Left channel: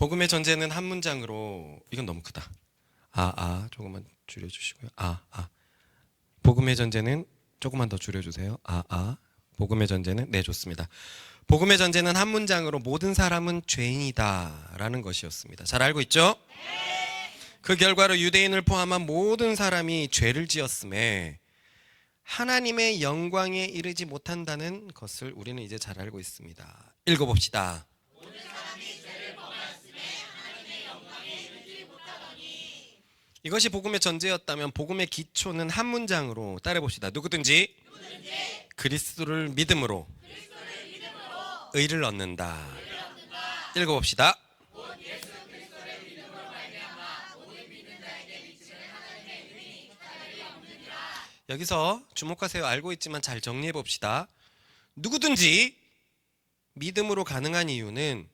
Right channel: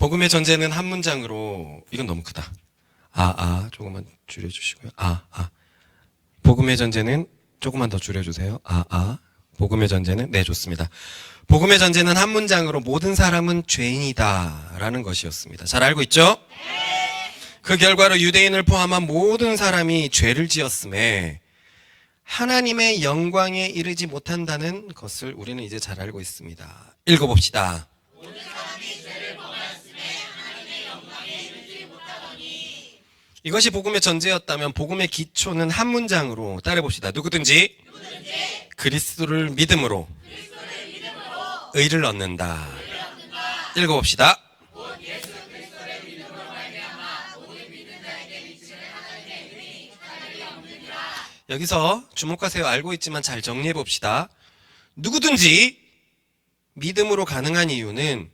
복음의 전제는 한 문장으로, 이건 너무 크다. 조금만 줄여주시고요. 복음의 전제는 조금만 더 줄여주세요. 복음의 전제는, 네, 좋습니다. 복음의 전제는 한 문장으로 모든 사람은 죄인이다 라는 것이었습니다. 잘 알고 있죠? 그 결과로 유대인을 포함한 모든 사람이 죄를 지었음에 하나님의 영광에 이르지 못한다는 것을 우리는 이제 잘 알고 있습니다. 읽어봅시다. 이것이 복음의 전제였다면 복음의 기초는 한 문장으로 따라해봅시다. 누구든지 그리스도를 믿음으로 의를 얻는다. 읽어봅시다. 여기서 주목하세요. 알고 있지만 잘 정리해봅시다. 누구든지 믿음으로 가능한 이유는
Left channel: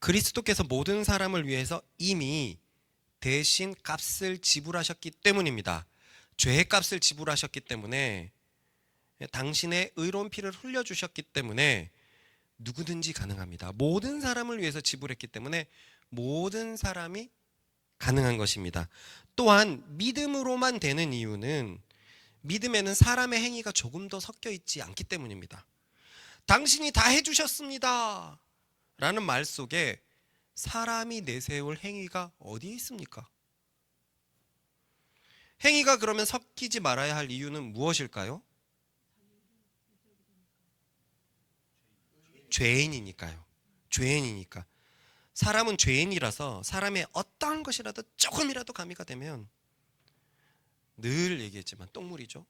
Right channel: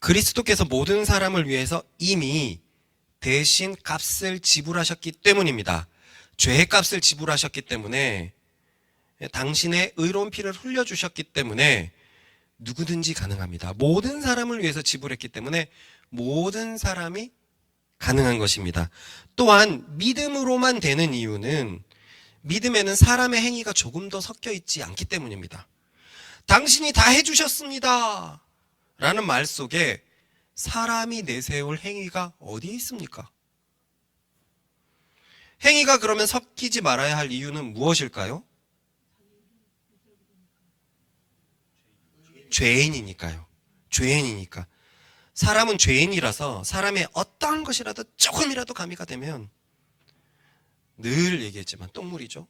그리스도께서 모든 사람을 위해서 이미 대신 값을 지불하셨기 때문입니다. 죄의 값을 지불하셨기 때문에, 당신의 의로운 피를 흘려주셨기 때문에 누구든지 가능합니다. 모든 사람을 위해서 지불했기 때문에 모든 사람이 가능한 것입니다. 또한 믿음으로만 되는 이유는 믿음에는 사람의 행위가 조금 더 섞여 있지 않기 때문입니다. 당신이 다 해주셨습니다 라는 말 속에 사람이 내세울 행위가 어디에 있습니까? 행위가 그러면 섞이지 말아야 할 이유는 무엇일까요? 죄인이니까요. 죄인이니까. 사람은 죄인이라서 사람의 어떠한 것이라도 조금이라도 가미가 되면, 늘 얘기했지만 똥물이죠.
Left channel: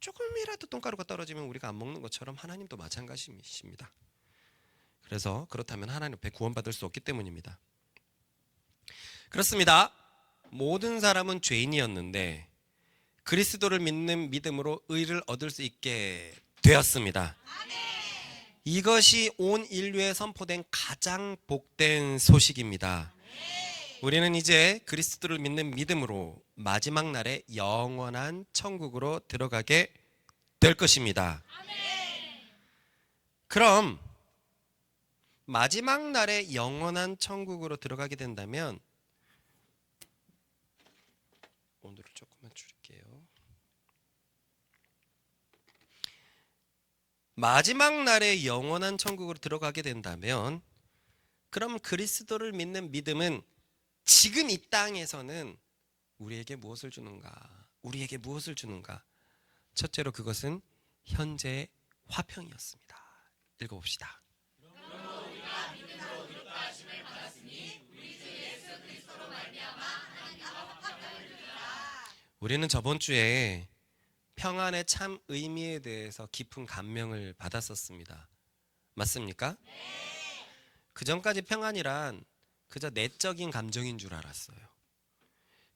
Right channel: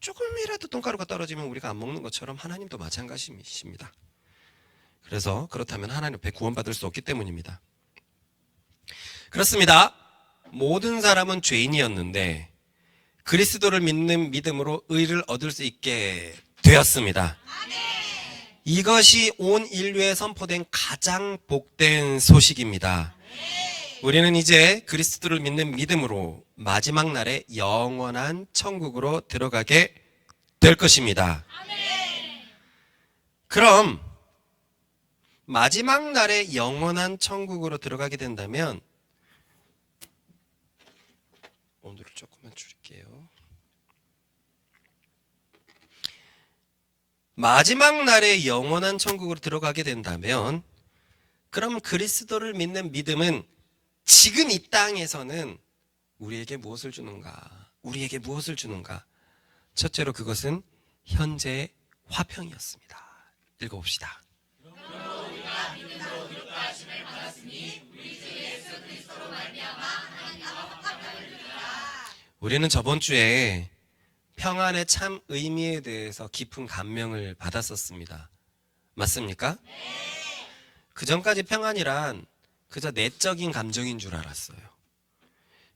조금이라도 똥가루가 떨어지면 우리가 안 먹는 것처럼 하나님도 마찬가지입니다. 그래서 그렇다면 하나님 앞에 구원받을 수 없기 때문입니다. 그렇습니다. 모든 사람은 죄인이었는데 그리스도를 믿는 믿음으로 의를 얻을 수 있게 되었습니다. 이것이 온 인류에 선포된 가장 복된 소식입니다. 우리는 이제 그리스도를 믿는 믿음으로 마지막 날에 영원한 천국으로 들어가게 될 것입니다. 그럼 마지막 날에 영원한 천국으로 들어가게 된다면, 온도를 조금만 줄일게요. 마지막 날에 영원한 천국으로 들어가게 된다면, 그럼 그리스도를 믿는 믿음은 지금 이 땅에서는 우리에게 무엇을 주는가? 우리에게 무엇을 주는가? 첫째로 그것은 현재의 화평이었습니다. 읽어봅시다. 우리는 저번 주에 평안의 참 의미에 대해서 깊은 감명을 받았었습니다. 맞습니까? 그 전까지 평안이란 그저 내적인 감정인 줄 알았어요.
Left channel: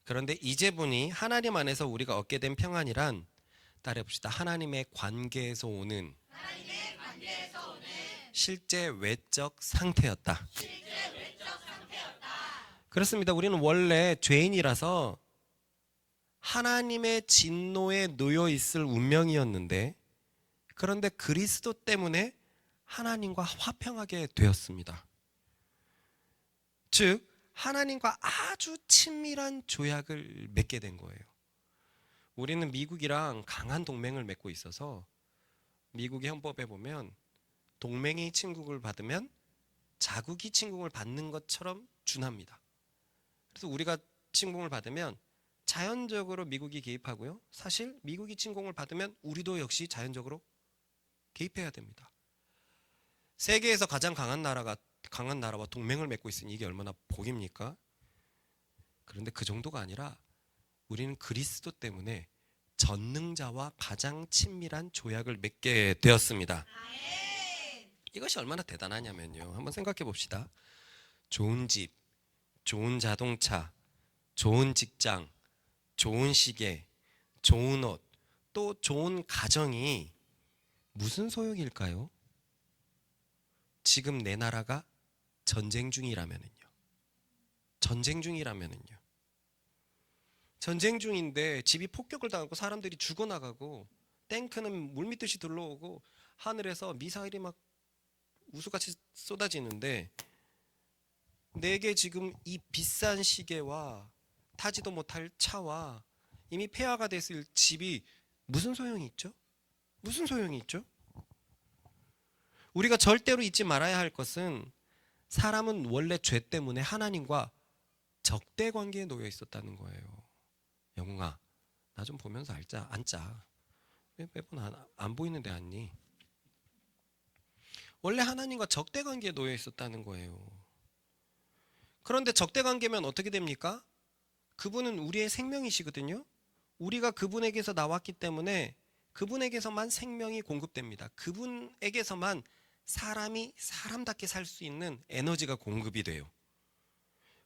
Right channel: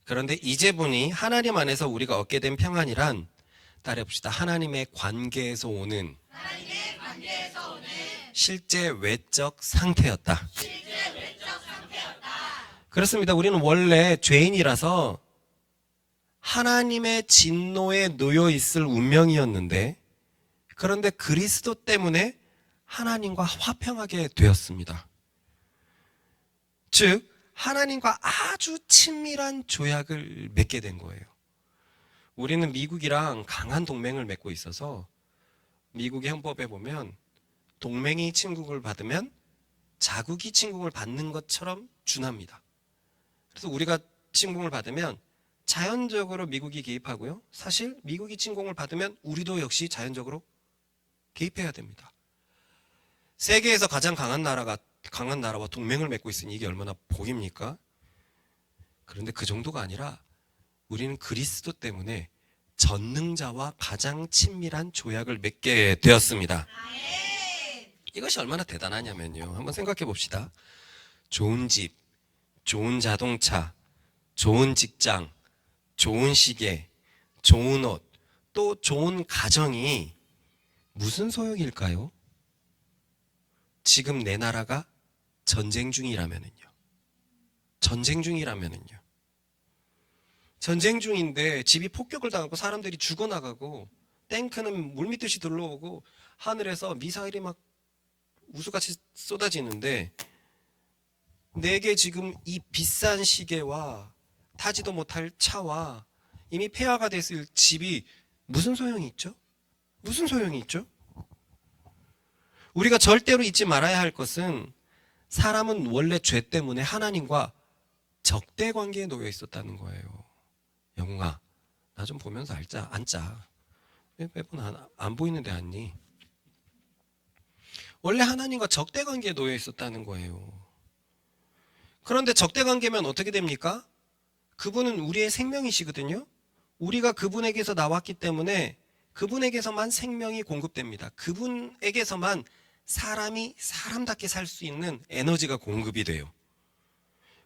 그런데 이제 보니 하나님 안에서 우리가 얻게 된 평안이란, 따라해봅시다. 하나님의 관계에서 오는 실제 외적 상태였다. 그렇습니다. 우리는 원래 죄인이라서 하나님의 진노에 놓여 있을 운명이었는데, 그런데 그리스도 때문에 하나님과 화평하게 되었습니다. 즉 하나님과 아주 친밀한 조약을 맺게 된 거예요. 우리는 미국이랑 강한 동맹을 맺고 있어서 미국의 헌법에 보면 동맹이 침국을 받으면 자국이 침국을 받는 것처럼 준합니다. 그래서 우리가 침공을 받으면 자연적으로 미국이 개입하고요. 사실 미국이 침공을 받으면 우리도 역시 자연적으로 개입해야 됩니다. 세계에서 가장 강한 나라와 동맹을 맺고 있으니 이게 얼마나 복입니까? 그런데 그 정도가 아니라 우리는 그리스도 때문에 전능자와 가장 친밀한 조약을 맺게 되었습니다. 이것이 얼마나 대단하냐면요. 한번 생각해 봅시다. 좋은 집, 좋은 자동차, 좋은 직장, 좋은 시계, 좋은 옷, 또 좋은 가정이 무슨 소용일까요? 지금 내 나라가 전쟁 중이라면은요. 전쟁 중인데 집이 폭격을 당하고 사람들이 죽어나가고 탱크는 물밀듯이 들러오고 하늘에서 미사일이 막 우수같이 쏟아지는데 내게 지금 이 비싼 시계와 타지도 못할 차와 이미 폐허가 됐을 집이 무슨 소용이 있죠? 무슨 소용이 있죠? 우리가 절대로 잊지 말아야 할 것은 사람은 원래 죄 때문에 하나님과 적대 관계에 놓여 있었다는 거예요. 영웅아, 나 좀 보면서 앉자. 왜 매번 안 보이는데 앉니? 원래 하나님과 적대 관계에 놓여 있었다는 거예요. 그런데 적대 관계면 어떻게 됩니까? 그분은 우리의 생명이시거든요. 우리가 그분에게서 나왔기 때문에 그분에게서만 생명이 공급됩니다. 그분에게서만 사람이 사람답게 살 수 있는 에너지가 공급이 돼요.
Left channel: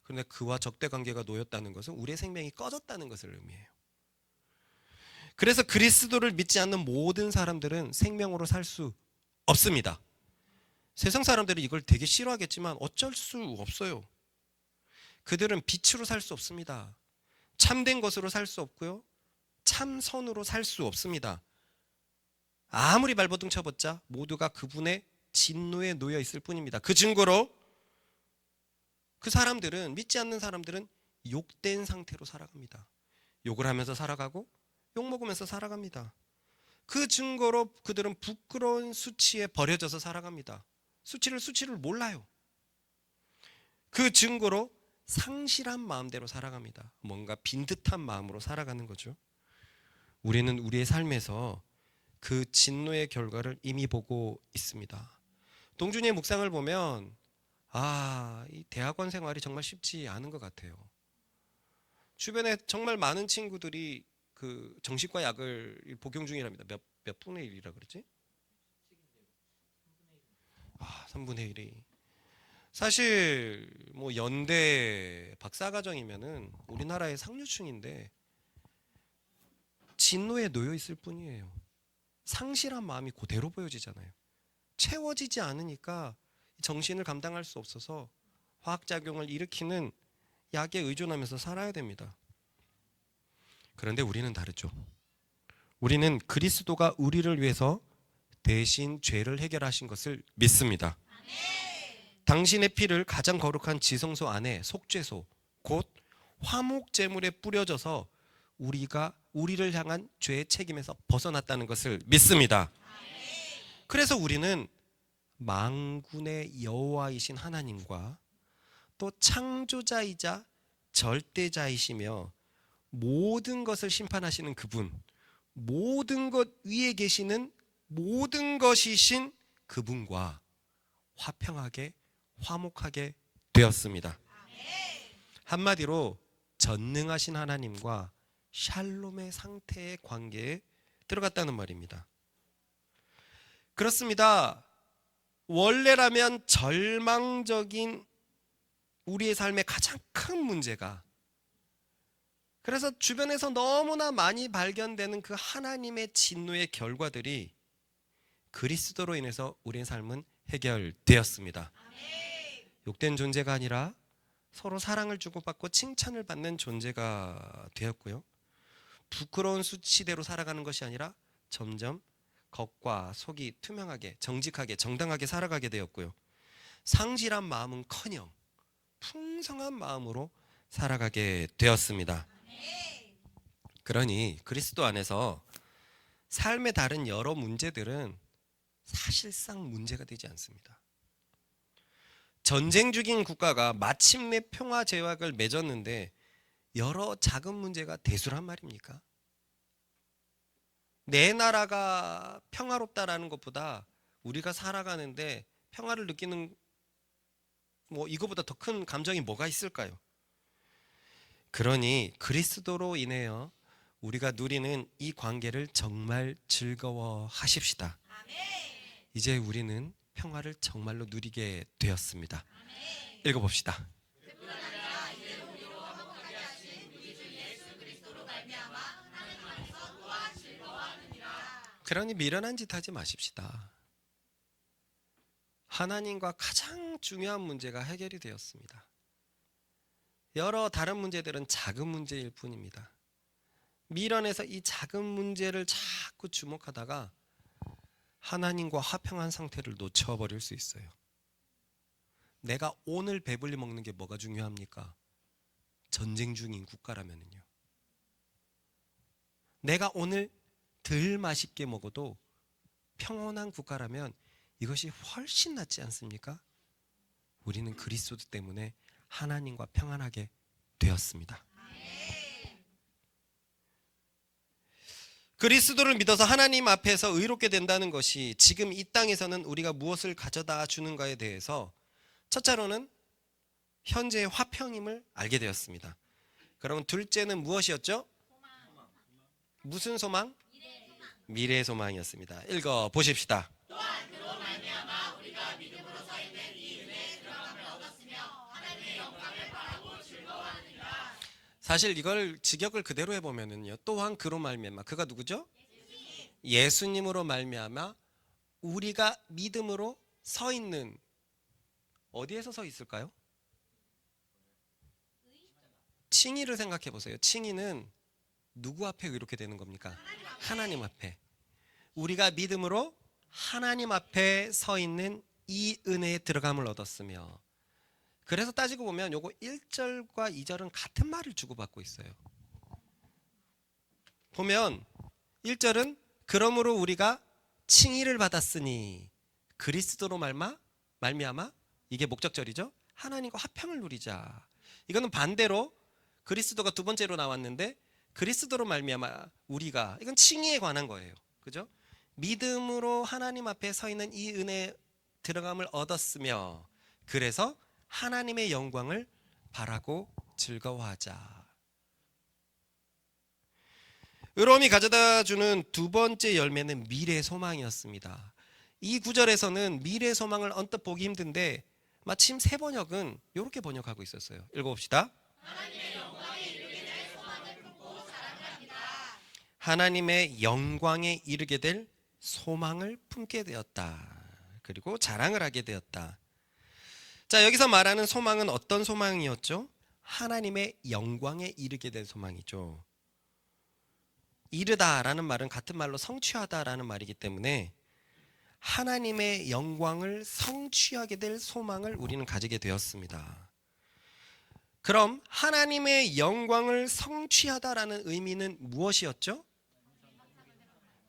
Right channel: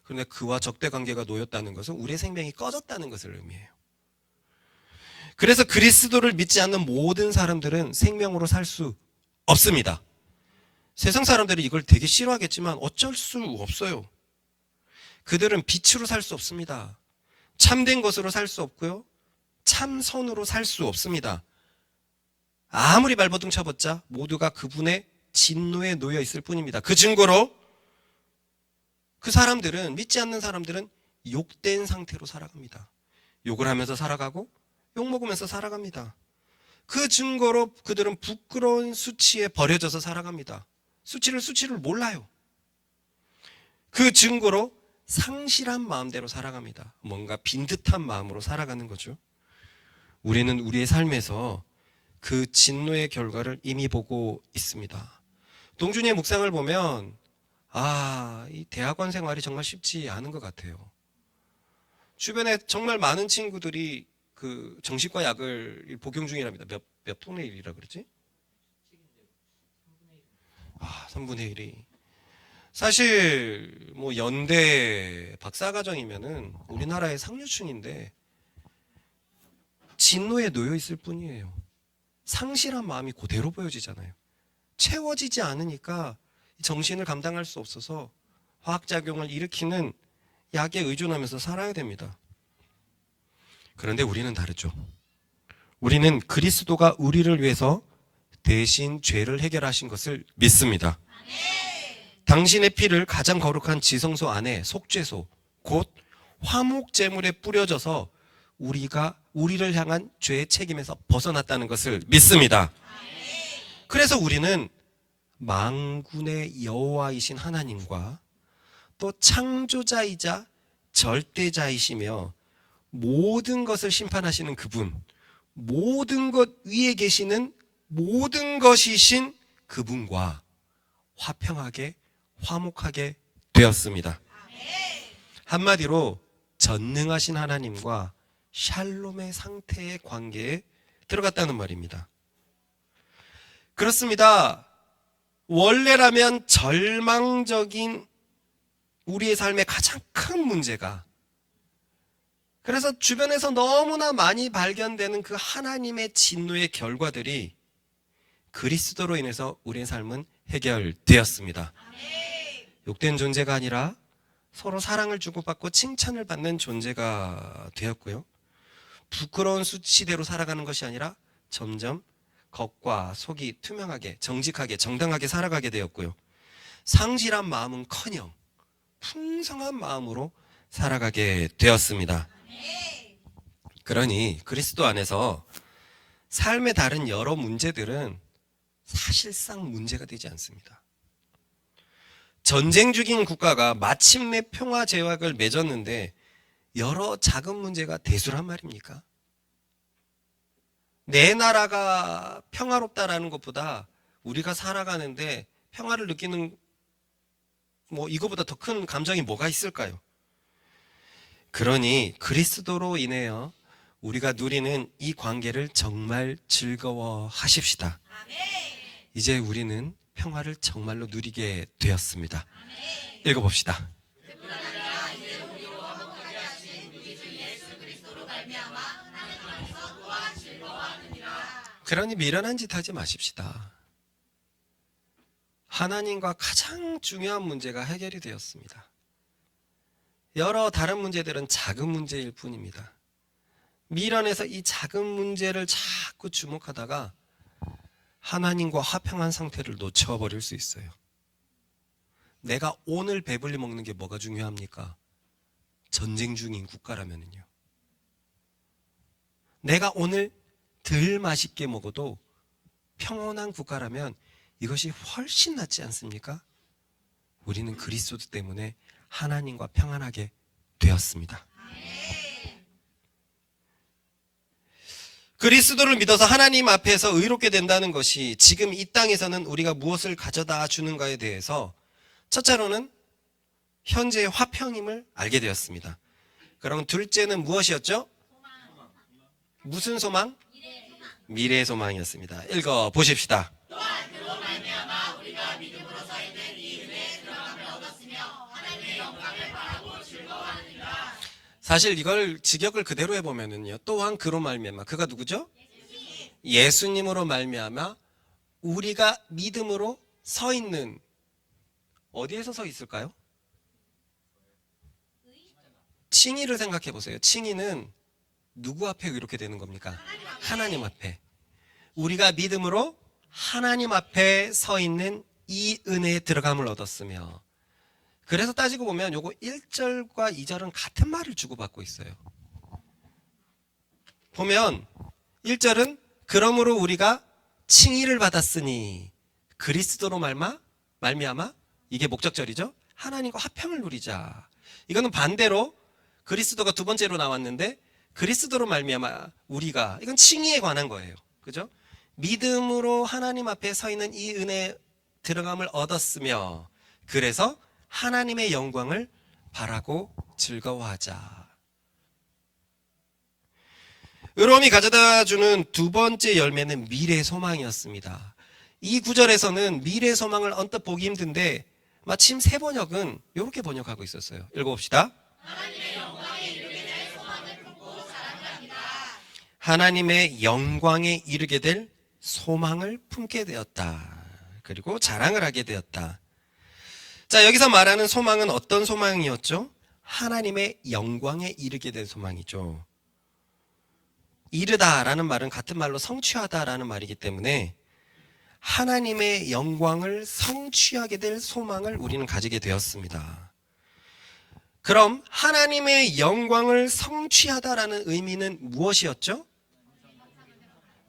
그런데 그와 적대 관계가 놓였다는 것은 우리의 생명이 꺼졌다는 것을 의미해요. 그래서 그리스도를 믿지 않는 모든 사람들은 생명으로 살 수 없습니다. 세상 사람들이 이걸 되게 싫어하겠지만 어쩔 수 없어요. 그들은 빛으로 살 수 없습니다. 참된 것으로 살 수 없고요. 참선으로 살 수 없습니다. 아무리 발버둥 쳐봤자 모두가 그분의 진노에 놓여 있을 뿐입니다. 그 증거로 그 사람들은, 믿지 않는 사람들은 욕된 상태로 살아갑니다. 욕을 하면서 살아가고 욕 먹으면서 살아갑니다. 그 증거로 그들은 부끄러운 수치에 버려져서 살아갑니다. 수치를 몰라요. 그 증거로 상실한 마음대로 살아갑니다. 뭔가 빈듯한 마음으로 살아가는 거죠. 우리는 우리의 삶에서 그 진노의 결과를 이미 보고 있습니다. 동준이의 묵상을 보면 이 대학원 생활이 정말 쉽지 않은 것 같아요. 주변에 정말 많은 친구들이 그 정신과 약을 복용 중이랍니다. 몇 분의 1이라 그러지? 3분의 1이. 사실 뭐 연대 박사과정이면은 우리나라의 상류층인데 진노에 놓여 있을 뿐이에요. 상실한 마음이 그대로 보여지잖아요. 채워지지 않으니까 정신을 감당할 수 없어서 화학작용을 일으키는 약에 의존하면서 살아야 됩니다. 그런데 우리는 다르죠. 우리는 그리스도가 우리를 위해서 대신 죄를 해결하신 것을 믿습니다. 당신의 피를 가장 거룩한 지성소 안에 속죄소, 곧 화목제물에 뿌려져서 우리를 향한 죄의 책임에서 벗어났다는 것을 믿습니다. 그래서 우리는 만군의 여호와이신 하나님과 또 창조자이자 절대자이시며 모든 것을 심판하시는 그분, 모든 것 위에 계시는 모든 것이신 그분과 화평하게 화목하게 되었습니다. 한마디로 전능하신 하나님과 샬롬의 상태의 관계에 들어갔다는 말입니다. 그렇습니다. 원래라면 절망적인 우리의 삶의 가장 큰 문제가, 그래서 주변에서 너무나 많이 발견되는 그 하나님의 진노의 결과들이 그리스도로 인해서 우리의 삶은 해결되었습니다. 욕된 존재가 아니라 서로 사랑을 주고받고 칭찬을 받는 존재가 되었고요. 부끄러운 수치대로 살아가는 것이 아니라 점점 겉과 속이 투명하게, 정직하게, 정당하게 살아가게 되었고요. 상실한 마음은커녕 풍성한 마음으로 살아가게 되었습니다. 그러니 그리스도 안에서 삶의 다른 여러 문제들은 사실상 문제가 되지 않습니다. 전쟁 중인 국가가 마침내 평화 제약을 맺었는데 여러 작은 문제가 대수란 말입니까? 내 나라가 평화롭다라는 것보다 우리가 살아가는데 평화를 느끼는 이거보다 더 큰 감정이 뭐가 있을까요? 그러니 그리스도로 인하여 우리가 누리는 이 관계를 정말 즐거워하십시다. 이제 우리는 평화를 정말로 누리게 되었습니다. 읽어봅시다. 그러니 미련한 짓 하지 마십시다. 하나님과 가장 중요한 문제가 해결이 되었습니다. 여러 다른 문제들은 작은 문제일 뿐입니다. 미련해서 이 작은 문제를 자꾸 주목하다가 하나님과 화평한 상태를 놓쳐버릴 수 있어요. 내가 오늘 배불리 먹는 게 뭐가 중요합니까? 전쟁 중인 국가라면은요. 내가 오늘 덜 맛있게 먹어도 평온한 국가라면 이것이 훨씬 낫지 않습니까? 우리는 그리스도 때문에 하나님과 평안하게 되었습니다. 그리스도를 믿어서 하나님 앞에서 의롭게 된다는 것이 지금 이 땅에서는 우리가 무엇을 가져다 주는가에 대해서 첫째로는 현재의 화평임을 알게 되었습니다. 그럼 둘째는 무엇이었죠? 무슨 소망? 미래의 소망이었습니다. 읽어 보십시다. 사실 이걸 직역을 그대로 해보면은요. 또한 그로 말미암아, 그가 누구죠? 예수님으로 말미암아 우리가 믿음으로 서 있는, 어디에서 서 있을까요? 칭의를 생각해 보세요. 칭의는 누구 앞에 이렇게 되는 겁니까? 하나님 앞에. 우리가 믿음으로 하나님 앞에 서 있는 이 은혜에 들어감을 얻었으며, 그래서 따지고 보면 요거 1절과 2절은 같은 말을 주고받고 있어요. 보면 1절은 그러므로 우리가 칭의를 받았으니 그리스도로 말미암아, 이게 목적절이죠. 하나님과 화평을 누리자. 이거는 반대로 그리스도가 두 번째로 나왔는데 그리스도로 말미암아 우리가, 이건 칭의에 관한 거예요. 그죠? 믿음으로 하나님 앞에 서 있는 이 은혜에 들어감을 얻었으며, 그래서 하나님의 영광을 바라고 즐거워하자. 의로움이 가져다 주는 두 번째 열매는 미래 소망이었습니다. 이 구절에서는 미래 소망을 언뜻 보기 힘든데 마침 새 번역은 이렇게 번역하고 있었어요. 읽어봅시다. 하나님의 영광에 이르게 될 소망을 품고 자랑합니다. 하나님의 영광에 이르게 될 소망을 품게 되었다. 그리고 자랑을 하게 되었다. 자, 여기서 말하는 소망은 어떤 소망이었죠? 하나님의 영광에 이르게 된 소망이죠. 이르다라는 말은 같은 말로 성취하다라는 말이기 때문에 하나님의 영광을 성취하게 될 소망을 우리는 가지게 되었습니다. 그럼 하나님의 영광을 성취하다라는 의미는 무엇이었죠?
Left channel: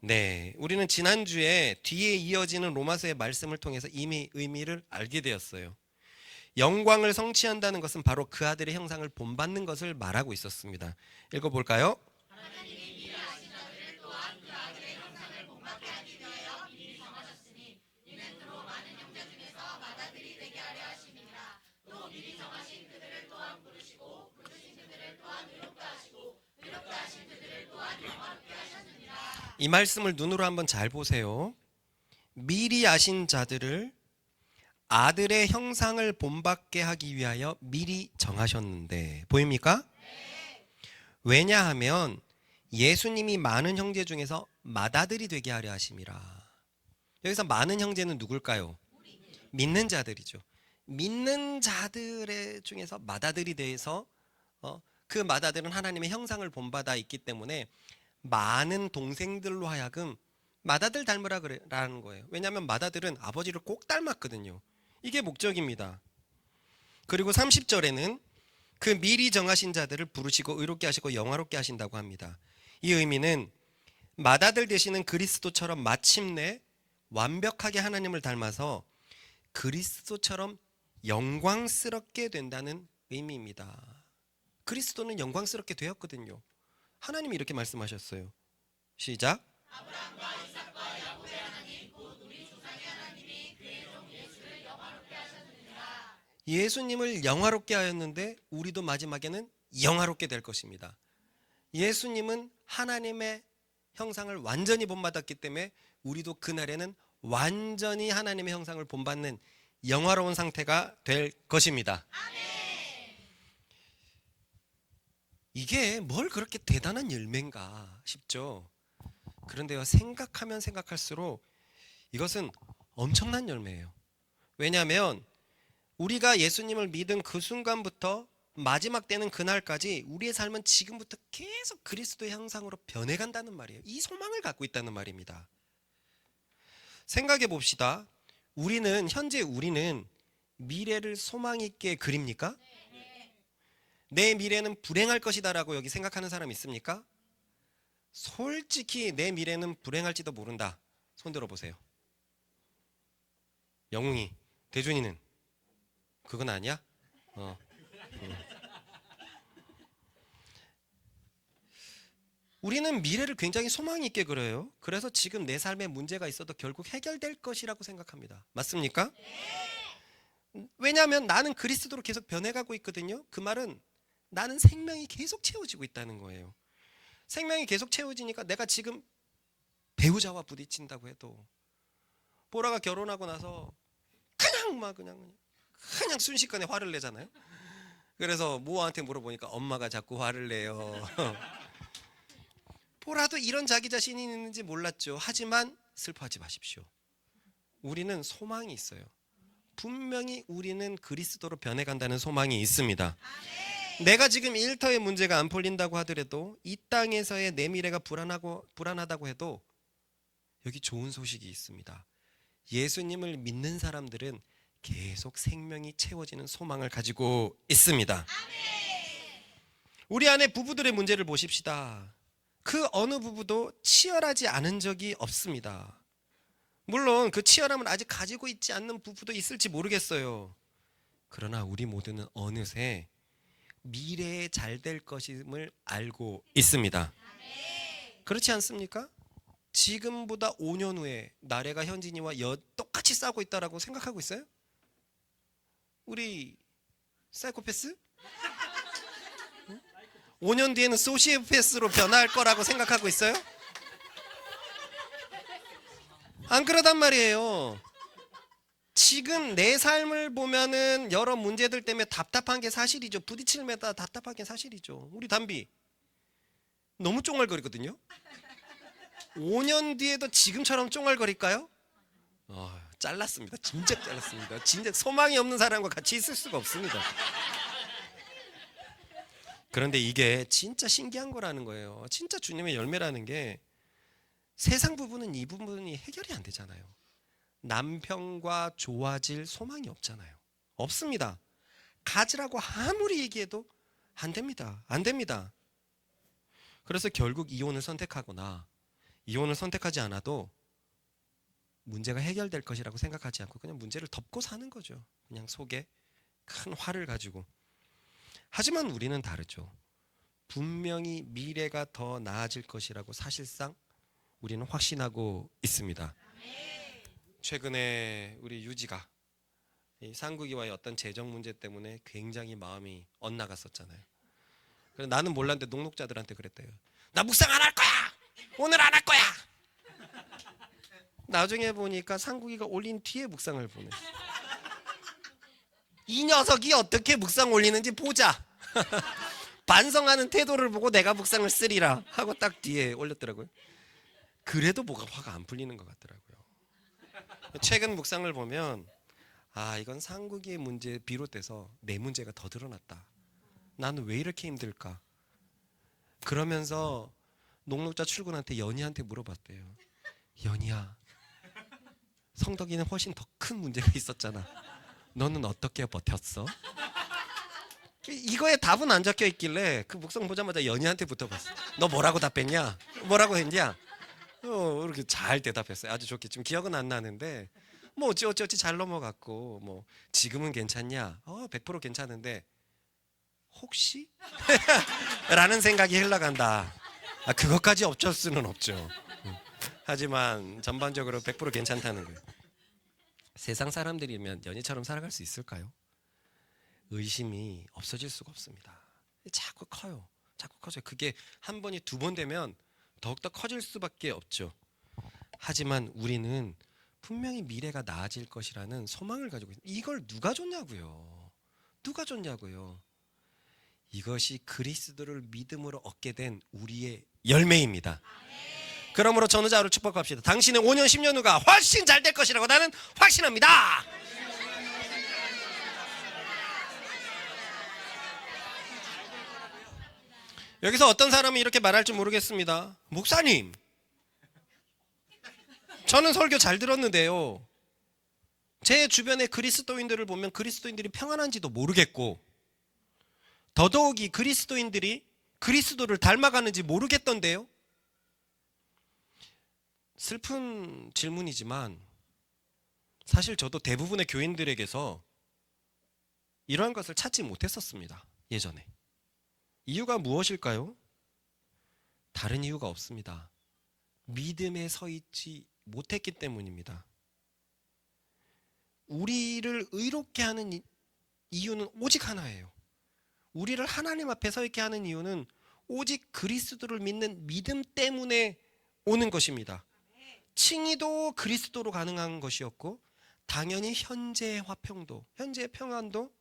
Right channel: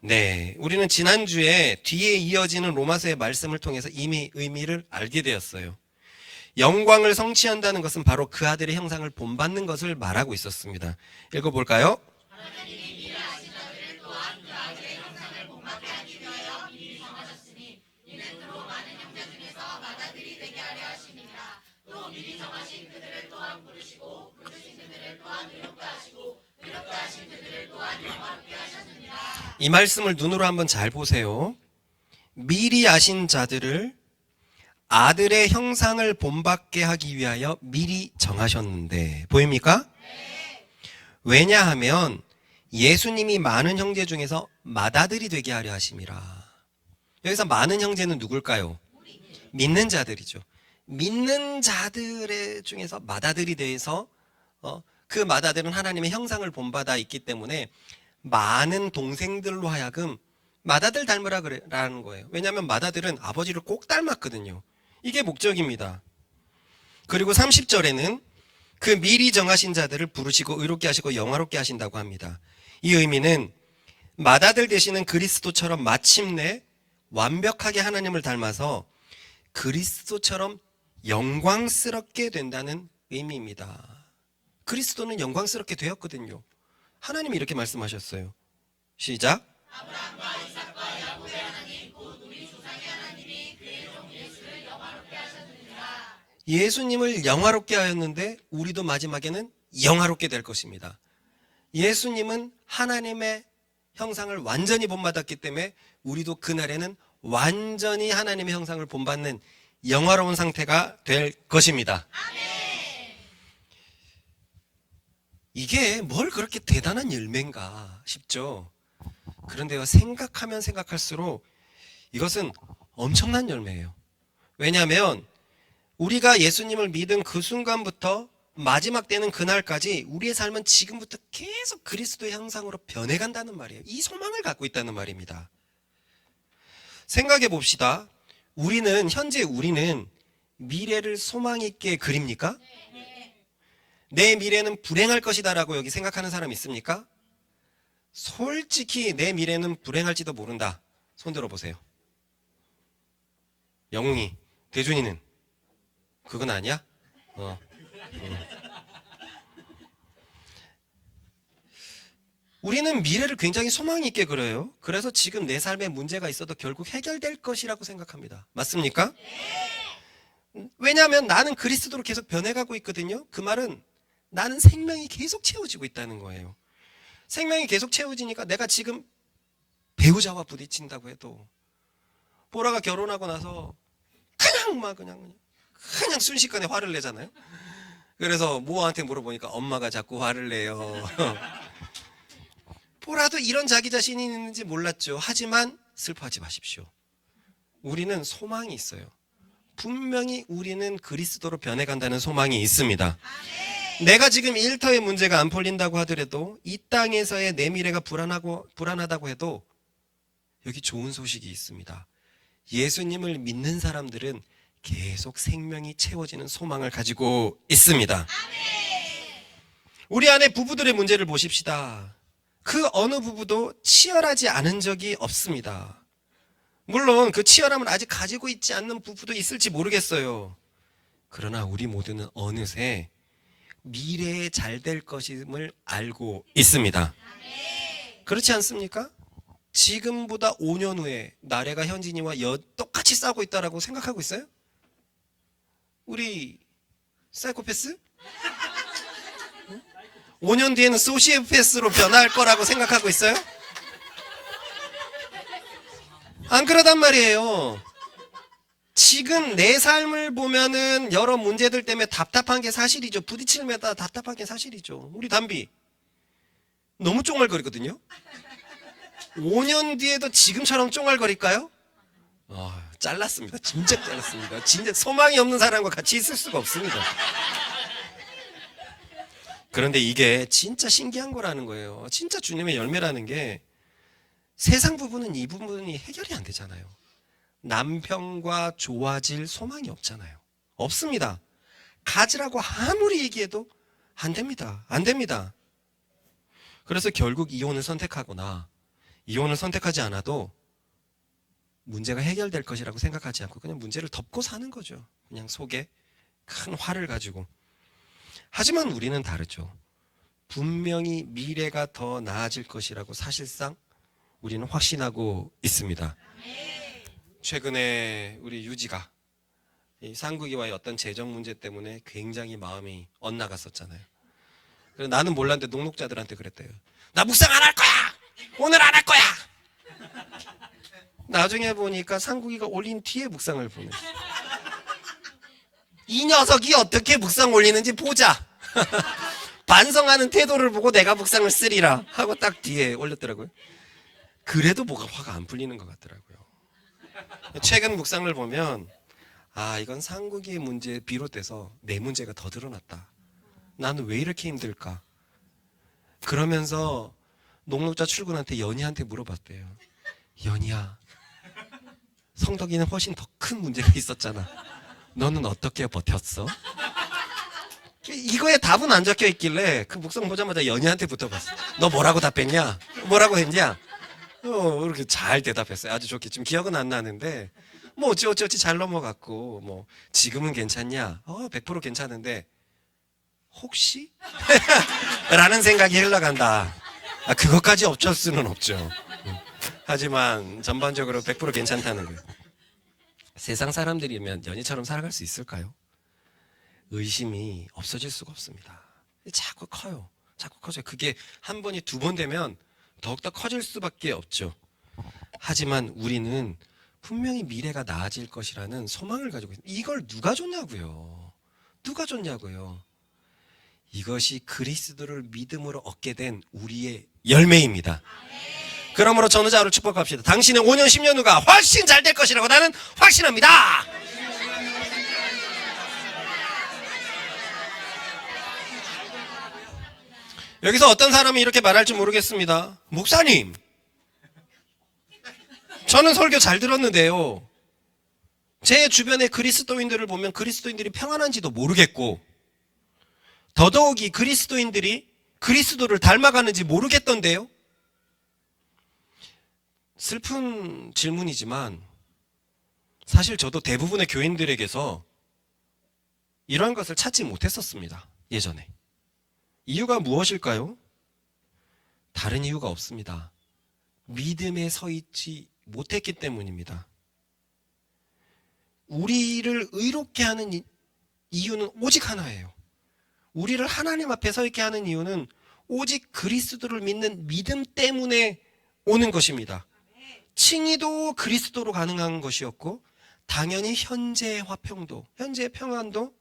네, 우리는 지난주에 뒤에 이어지는 로마서의 말씀을 통해서 이미 의미를 알게 되었어요. 영광을 성취한다는 것은 바로 그 아들의 형상을 본받는 것을 말하고 있었습니다. 읽어볼까요? 이 말씀을 눈으로 한번 잘 보세요. 미리 아신 자들을 아들의 형상을 본받게 하기 위하여 미리 정하셨는데, 보입니까? 왜냐하면 예수님이 많은 형제 중에서 맏아들이 되게 하려 하심이라. 여기서 많은 형제는 누굴까요? 믿는 자들이죠. 믿는 자들의 중에서 맏아들이 돼서 그 맏아들은 하나님의 형상을 본받아 있기 때문에 많은 동생들로 하여금 맏아들 닮으라는 거예요. 왜냐하면 맏아들은 아버지를 꼭 닮았거든요. 이게 목적입니다. 그리고 30절에는 그 미리 정하신 자들을 부르시고 의롭게 하시고 영화롭게 하신다고 합니다. 이 의미는 맏아들 되시는 그리스도처럼 마침내 완벽하게 하나님을 닮아서 그리스도처럼 영광스럽게 된다는 의미입니다. 그리스도는 영광스럽게 되었거든요. 하나님이 이렇게 말씀하셨어요. 시작. 아브라함과 이삭과 야곱의 하나님 곧 우리 조상의 하나님이 그의 종 예수를 영화롭게 하셨느니라. 예수님을 영화롭게 하였는데 우리도 마지막에는 영화롭게 될 것입니다. 예수님은 하나님의 형상을 완전히 본받았기 때문에 우리도 그날에는 완전히 하나님의 형상을 본받는 영화로운 상태가 될 것입니다. 아멘. 이게 뭘 그렇게 대단한 열매인가 싶죠. 그런데요, 생각하면 생각할수록 이것은 엄청난 열매예요. 왜냐하면 우리가 예수님을 믿은 그 순간부터 마지막 때는 그날까지 우리의 삶은 지금부터 계속 그리스도의 형상으로 변해간다는 말이에요. 이 소망을 갖고 있다는 말입니다. 생각해 봅시다. 현재 우리는 미래를 소망 있게 그립니까? 내 미래는 불행할 것이다라고 여기 생각하는 사람 있습니까? 솔직히 내 미래는 불행할지도 모른다. 손 들어보세요. 영웅이, 대준이는 그건 아니야? 우리는 미래를 굉장히 소망 있게 그려요. 그래서 지금 내 삶에 문제가 있어도 결국 해결될 것이라고 생각합니다. 맞습니까? 왜냐하면 나는 그리스도로 계속 변해가고 있거든요. 그 말은 나는 생명이 계속 채워지고 있다는 거예요. 생명이 계속 채워지니까 내가 지금 배우자와 부딪힌다고 해도 보라가 결혼하고 나서 그냥 순식간에 화를 내잖아요. 그래서 모아한테 물어보니까 엄마가 자꾸 화를 내요. 보라도 이런 자기 자신이 있는지 몰랐죠. 하지만 슬퍼하지 마십시오. 우리는 소망이 있어요. 분명히 우리는 그리스도로 변해간다는 소망이 있습니다. 내가 지금 일터의 문제가 안 풀린다고 하더라도 이 땅에서의 내 미래가 불안하다고 해도 여기 좋은 소식이 있습니다. 예수님을 믿는 사람들은 계속 생명이 채워지는 소망을 가지고 있습니다. 우리 안에 부부들의 문제를 보십시다. 그 어느 부부도 치열하지 않은 적이 없습니다. 물론 그 치열함을 아직 가지고 있지 않는 부부도 있을지 모르겠어요. 그러나 우리 모두는 어느새 미래에 잘 될 것임을 알고 있습니다. 그렇지 않습니까? 지금보다 5년 후에 나래가 현진이와 똑같이 싸우고 있다라고 생각하고 있어요? 우리 사이코패스? 5년 뒤에는 소시오패스로 변할 거라고 생각하고 있어요? 안 그러단 말이에요. 지금 내 삶을 보면은 여러 문제들 때문에 답답한 게 사실이죠. 부딪힐마다 답답한 게 사실이죠. 우리 담비 너무 쫑알거리거든요. 5년 뒤에도 지금처럼 쫑알거릴까요? 잘랐습니다. 진짜 잘랐습니다. 진짜 소망이 없는 사람과 같이 있을 수가 없습니다. 그런데 이게 진짜 신기한 거라는 거예요. 진짜 주님의 열매라는 게 세상 부분은 이 부분이 해결이 안 되잖아요. 남편과 좋아질 소망이 없잖아요. 없습니다. 가지라고 아무리 얘기해도 안 됩니다. 안 됩니다. 그래서 결국 이혼을 선택하거나 이혼을 선택하지 않아도 문제가 해결될 것이라고 생각하지 않고 그냥 문제를 덮고 사는 거죠. 그냥 속에 큰 화를 가지고. 하지만 우리는 다르죠. 분명히 미래가 더 나아질 것이라고 사실상 우리는 확신하고 있습니다. 최근에 우리 유지가 이 상국이와의 어떤 재정 문제 때문에 굉장히 마음이 엇나갔었잖아요. 그래서 나는 몰랐는데 녹록자들한테 그랬대요. 나 묵상 안 할 거야! 오늘 안 할 거야! 나중에 보니까 상국이가 올린 뒤에 묵상을 보내. 이 녀석이 어떻게 묵상 올리는지 보자. 반성하는 태도를 보고 내가 묵상을 쓰리라 하고 딱 뒤에 올렸더라고요. 그래도 뭐가 화가 안 풀리는 것 같더라고요. 최근 묵상을 보면 이건 상국이의 문제에 비롯돼서 내 문제가 더 드러났다. 나는 왜 이렇게 힘들까? 그러면서 녹록자 출근한테 연희한테 물어봤대요. 연희야, 성덕이는 훨씬 더 큰 문제가 있었잖아. 너는 어떻게 버텼어? 이거에 답은 안 적혀 있길래 그 묵상 보자마자 연희한테 붙어봤어. 너 뭐라고 답했냐? 뭐라고 했냐? 이렇게 잘 대답했어요. 아주 좋게. 지금 기억은 안 나는데 뭐 어찌어찌 잘 넘어갔고 뭐 지금은 괜찮냐? 100% 괜찮은데 혹시? 라는 생각이 흘러간다. 그것까지 어쩔 수는 없죠. 하지만 전반적으로 100% 괜찮다는 거예요. 세상 사람들이면 연희처럼 살아갈 수 있을까요? 의심이 없어질 수가 없습니다. 자꾸 커요. 자꾸 커져요. 그게 한 번이 두 번 되면 더욱더 커질 수밖에 없죠. 하지만 우리는 분명히 미래가 나아질 것이라는 소망을 가지고 있습니다. 이걸 누가 줬냐고요. 누가 줬냐고요. 이것이 그리스도를 믿음으로 얻게 된 우리의 열매입니다. 그러므로 전후자우를 축복합시다. 당신의 5년 10년 후가 훨씬 잘 될 것이라고 나는 확신합니다. 여기서 어떤 사람이 이렇게 말할지 모르겠습니다. 목사님, 저는 설교 잘 들었는데요. 제 주변의 그리스도인들을 보면 그리스도인들이 평안한지도 모르겠고, 더더욱이 그리스도인들이 그리스도를 닮아가는지 모르겠던데요. 슬픈 질문이지만 사실 저도 대부분의 교인들에게서 이러한 것을 찾지 못했었습니다. 예전에. 이유가 무엇일까요? 다른 이유가 없습니다. 믿음에 서 있지 못했기 때문입니다. 우리를 의롭게 하는 이유는 오직 하나예요. 우리를 하나님 앞에 서 있게 하는 이유는 오직 그리스도를 믿는 믿음 때문에 오는 것입니다. 칭의도 그리스도로 가능한 것이었고, 당연히 현재의 화평도, 현재의 평안도,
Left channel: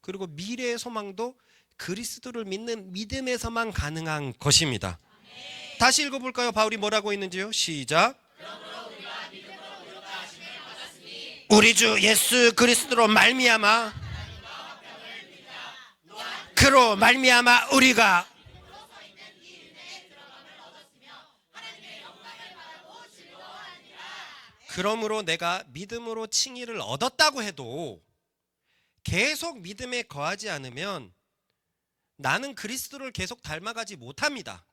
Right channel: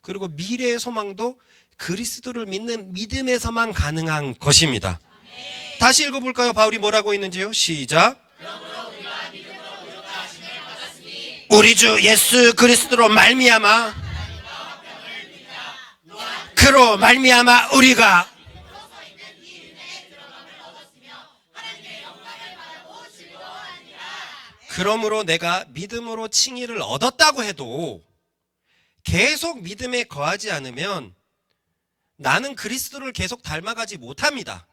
그리고 미래의 소망도 그리스도를 믿는 믿음에서만 가능한 것입니다. 다시 읽어볼까요? 바울이 뭐라고 했는지요? 시작. 우리 주 예수 그리스도로 말미암아, 그로 말미암아 우리가 그러므로 내가 믿음으로 칭의를 얻었다고 해도 계속 믿음에 거하지 않으면 나는 그리스도를 계속 닮아가지 못합니다.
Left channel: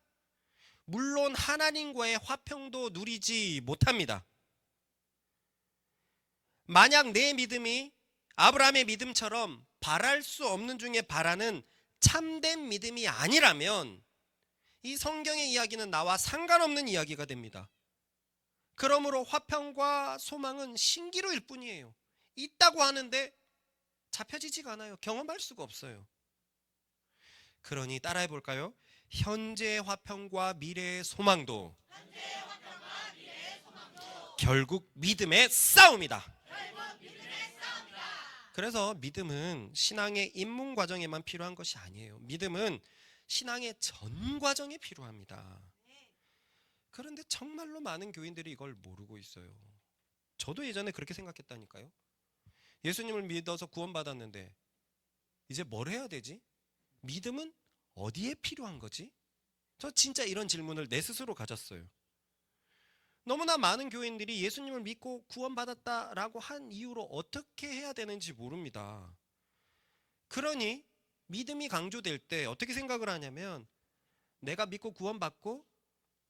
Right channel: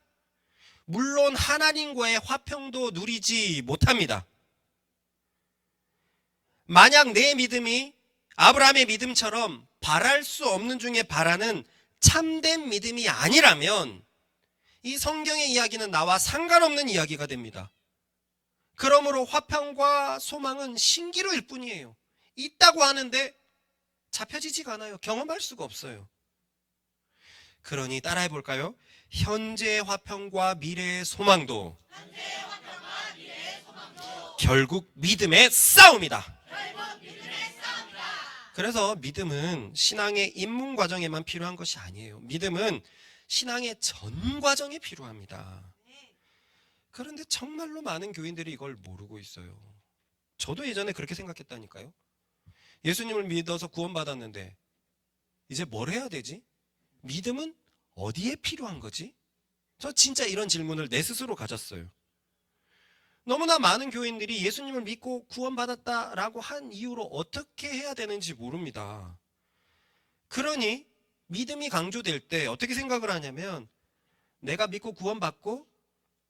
물론 하나님과의 화평도 누리지 못합니다. 만약 내 믿음이 아브라함의 믿음처럼 바랄 수 없는 중에 바라는 참된 믿음이 아니라면 이 성경의 이야기는 나와 상관없는 이야기가 됩니다. 그러므로 화평과 소망은 신기루일 뿐이에요. 있다고 하는데 잡혀지지가 않아요. 경험할 수가 없어요. 그러니 따라해 볼까요? 현재의 화평과 미래의 소망도 결국 믿음의 싸움이다. 그래서 믿음은 신앙의 입문 과정에만 필요한 것이 아니에요. 믿음은 신앙의 전 과정에 필요합니다. 그런데 정말로 많은 교인들이 이걸 모르고 있어요. 저도 예전에 그렇게 생각했다니까요. 예수님을 믿어서 구원받았는데 이제 뭘 해야 되지? 믿음은 어디에 필요한 거지? 저 진짜 이런 질문을 내 스스로 가졌어요. 너무나 많은 교인들이 예수님을 믿고 구원받았다라고 한 이후로 어떻게 해야 되는지 모릅니다. 그러니 믿음이 강조될 때 어떻게 생각을 하냐면, 내가 믿고 구원받고